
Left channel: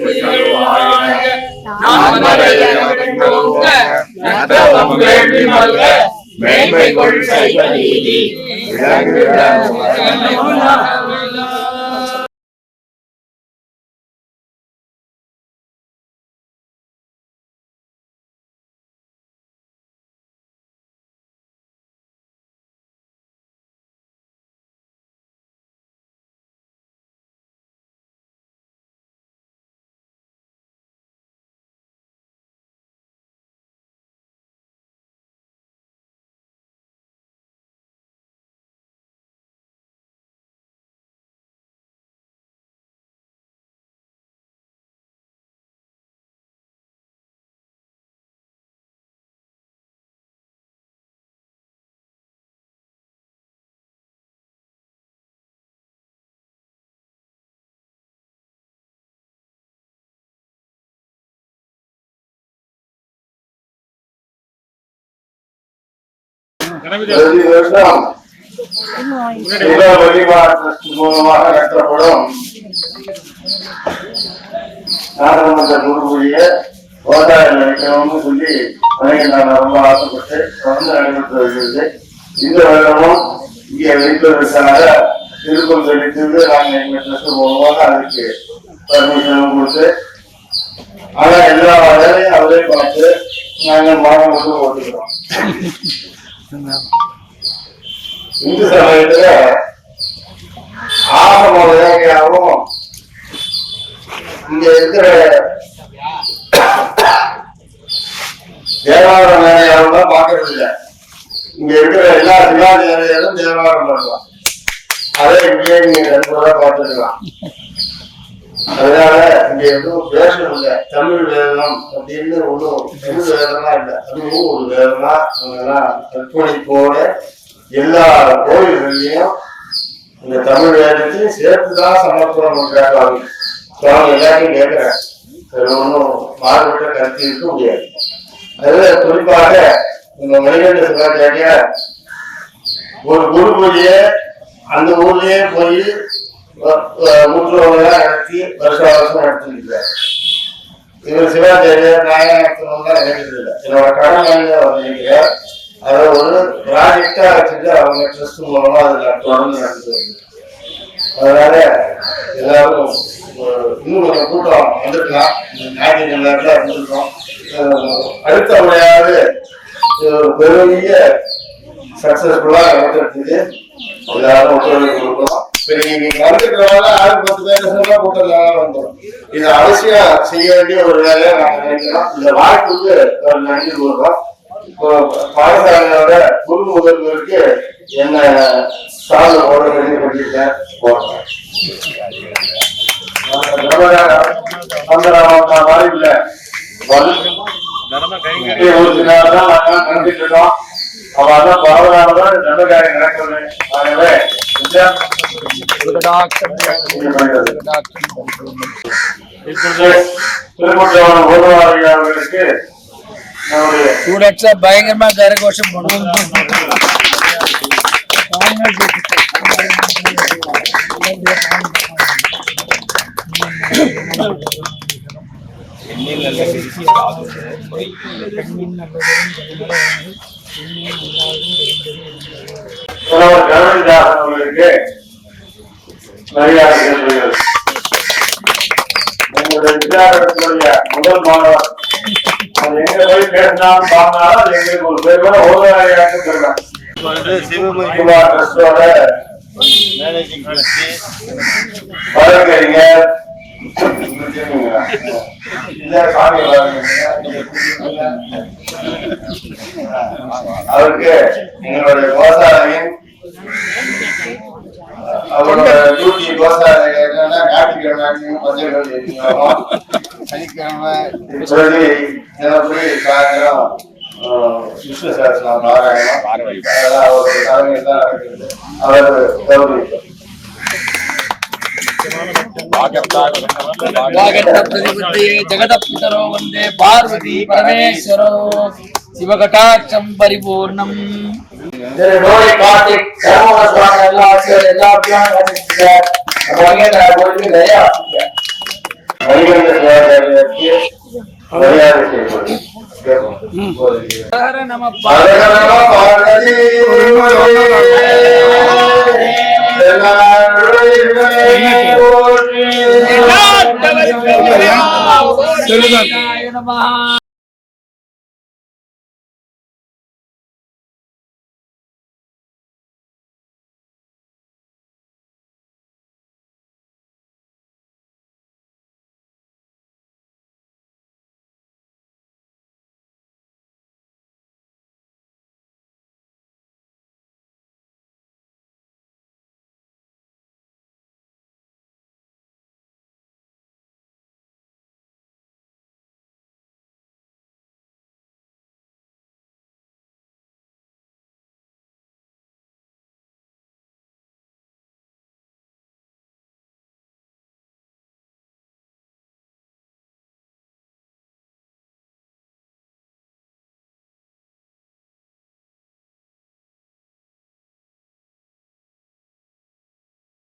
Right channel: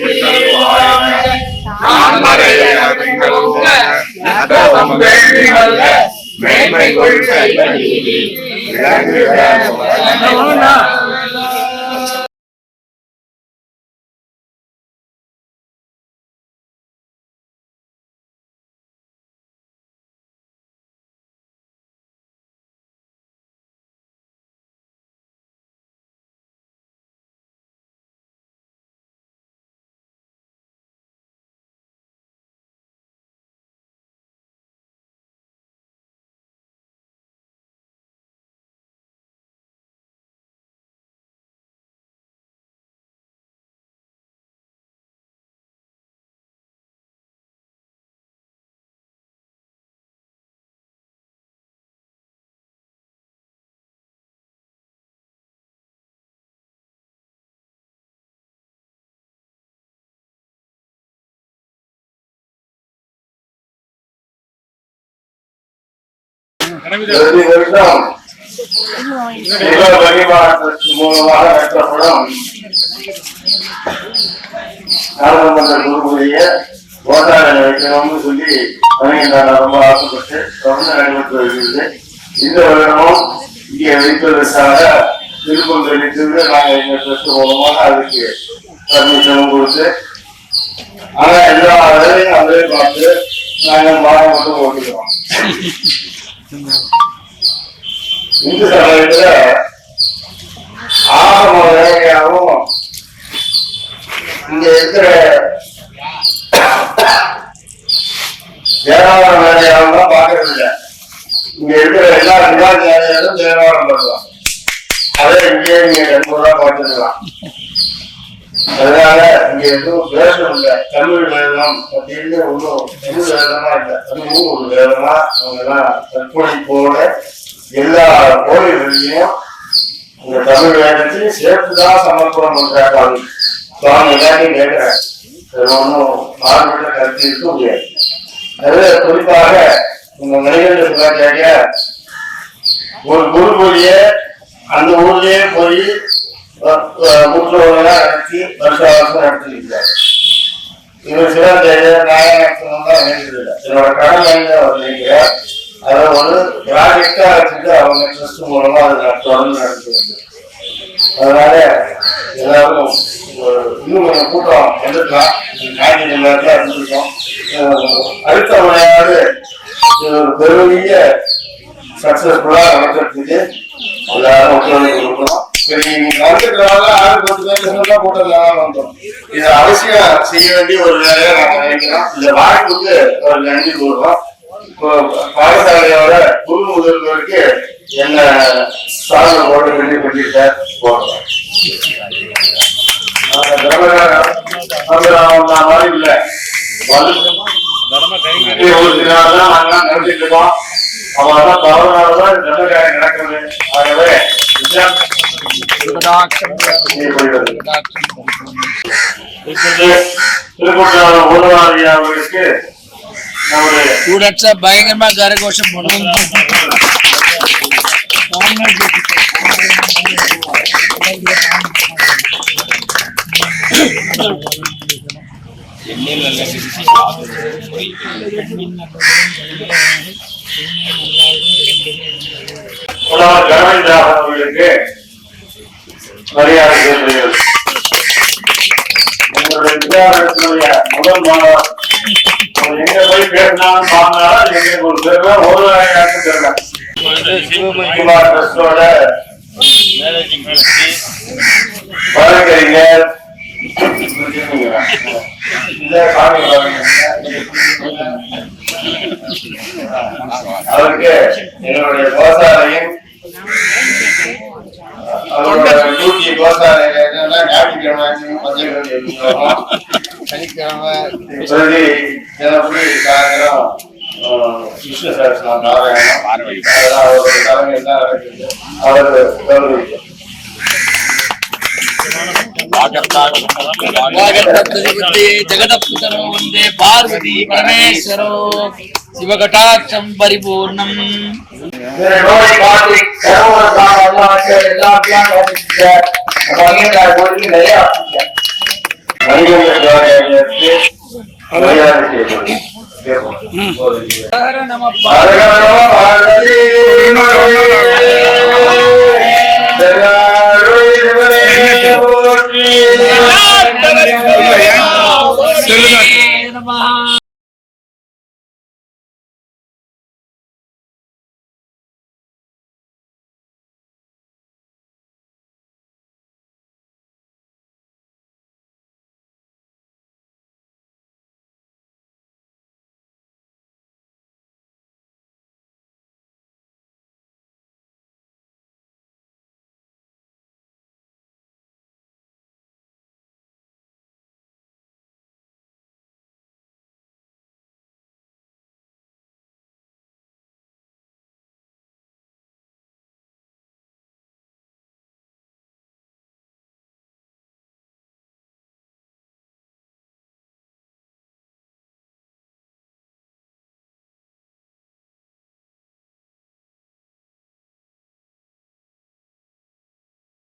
மேன்மை கொள்கை வருடம் மூலமாக நடத்தப்படும் நாடாளுமன்ற குருவுடைய போராட்டம் வைக்கணும்னு சொல்லி நான் ரொம்ப ஆசைப்பட்டு தொடர்ந்து நடைபெற்று வருகிறது. இந்த வருடமும் இங்கே வைப்பதற்காக விருப்பம் தெரிவித்தது நாங்கள் எங்க ட்ரஸ்ட் மூலமாக அதுக்கு பர்மிஷனும் கொடுத்து ஆனா எல்லா வேலையும் அவரே பார்த்து நாங்கள் மாதம் மட்டும் ஓட்டுக்கிறோம். இந்து சமயத்துல ஆகம வேலையாகவும் இங்க இருக்கிற தேவாரம் வேலையாகவும் தான் பாக்குறது இல்லை. இங்க இருக்கிற எல்லா சிவாச்சாரியாரும் தேவாரம் பண்ணலாம். அதே இங்கே நீங்க கண்கூடா பார்த்துக்கலாம். அதனால இங்க எதுவும் பேசணும் இல்லை. தமிழ் வேதம் அப்படின்னு ஒன்றும் தமிழ் வேதமா இல்லை. அதுவும் ஒரு வேதமா அவங்கெல்லாம் கற்பனைப்போட எல்லா கோயில்களையும் இந்த தமிழ் வேதத்தையும் சேர்த்துதான் சமர்ப்பணம் பண்றாங்க. அவங்க எல்லாத்தையும் கேட்கிறாங்க. அது ஒன்றும் மாறுபட்ட கருத்து இருக்க முடியாது. அது குறிப்பாக இந்த மணிகண்ட சிவாச்சாரியா ஒரு குரு பூஜைய அந்த ஊர்லயே போய் முற்றோலாம் நடத்தி வருஷம் நடத்திருக்கிறார். இவர் சிவாச்சாரியார் நாயகத்துவம் தான் வேண்டியதில்லை. என்னோட கடமை நினைக்கிறார். அதை ஒரு ப்ராஜெக்டா வச்சுட்டு அவங்க ட்ரஸ்ட் மூலமா அதை தொடர்ந்து நடத்தி வருது. அதனால எல்லாரும் இன்னும் கொஞ்சம் கூட்டம் வந்துருக்கலாம். ஞாயிற்று நேரத்தில் இருந்திருக்கோம். அடுத்த முறையாவது ஒரு பெரிய சக்சஸ்ஃபுல்லா நடத்துறதுக்கு எல்லாரும் ஒத்துழைப்பு கொடுக்கணும். சரி, நீங்க வந்துக்கிறவங்க 6-10 பேர் கூட்டம் வந்துடும். இது அவசியம் செய்ய வேண்டிய ஒரு வேலையை நாங்கள் நினைக்கிறோம். இந்த வாய்ப்புக்கு ஒரு நன்றி கூறுறோம். பாடசாலையோட குரு முதல்வருக்கு என்ன சாதனை போட வேண்டி பண்ணிருக்கேன் போடுறேன். மாதிரி இல்லை நினைச்சிட்டு இருக்கோம். அவதான் பரவலானதான் நல்ல காரியம் நடக்கிறது. ஆகவே திருமூர்த்தி ஊரவாரி அவர்களுக்கு பயங்கரமா கரகோஷம் பண்ணுவோம். அவர்களுக்கு மரியாதை செலுத்துகிறது. எங்களுடைய வித்யாலயத்தினுடைய முதல் மாணவர் அது எங்க போய் பேசினாலும் பாருனாலும் அது எங்களுக்கு ஒரு பெருமை ஒரு ஆயிரம் பெருமை. சிவகுமார் ட்ரஸ்டோட மேனேஜிங் ட்ரஸ்டி வழக்கறிஞர் அவருக்கு எங்களுடைய கோசாலையும் அவரோட டியூட்டி கோசாலை ஞாயிற்றுக்கிழமை சனிக்கிழமை தினப்படி சாயந்தரம் விஷ்ணு சகஸ்ரநாம பாராயணம் அதெல்லாம் அவரோட தலைமையில் தான் நடக்குது. அவர் கௌரவிக்கும். जगदपितरो वंदे पार्वती परमेश्वरो शिवकटाक्षं परिपूर्णम् हर नमः செல்லுதான்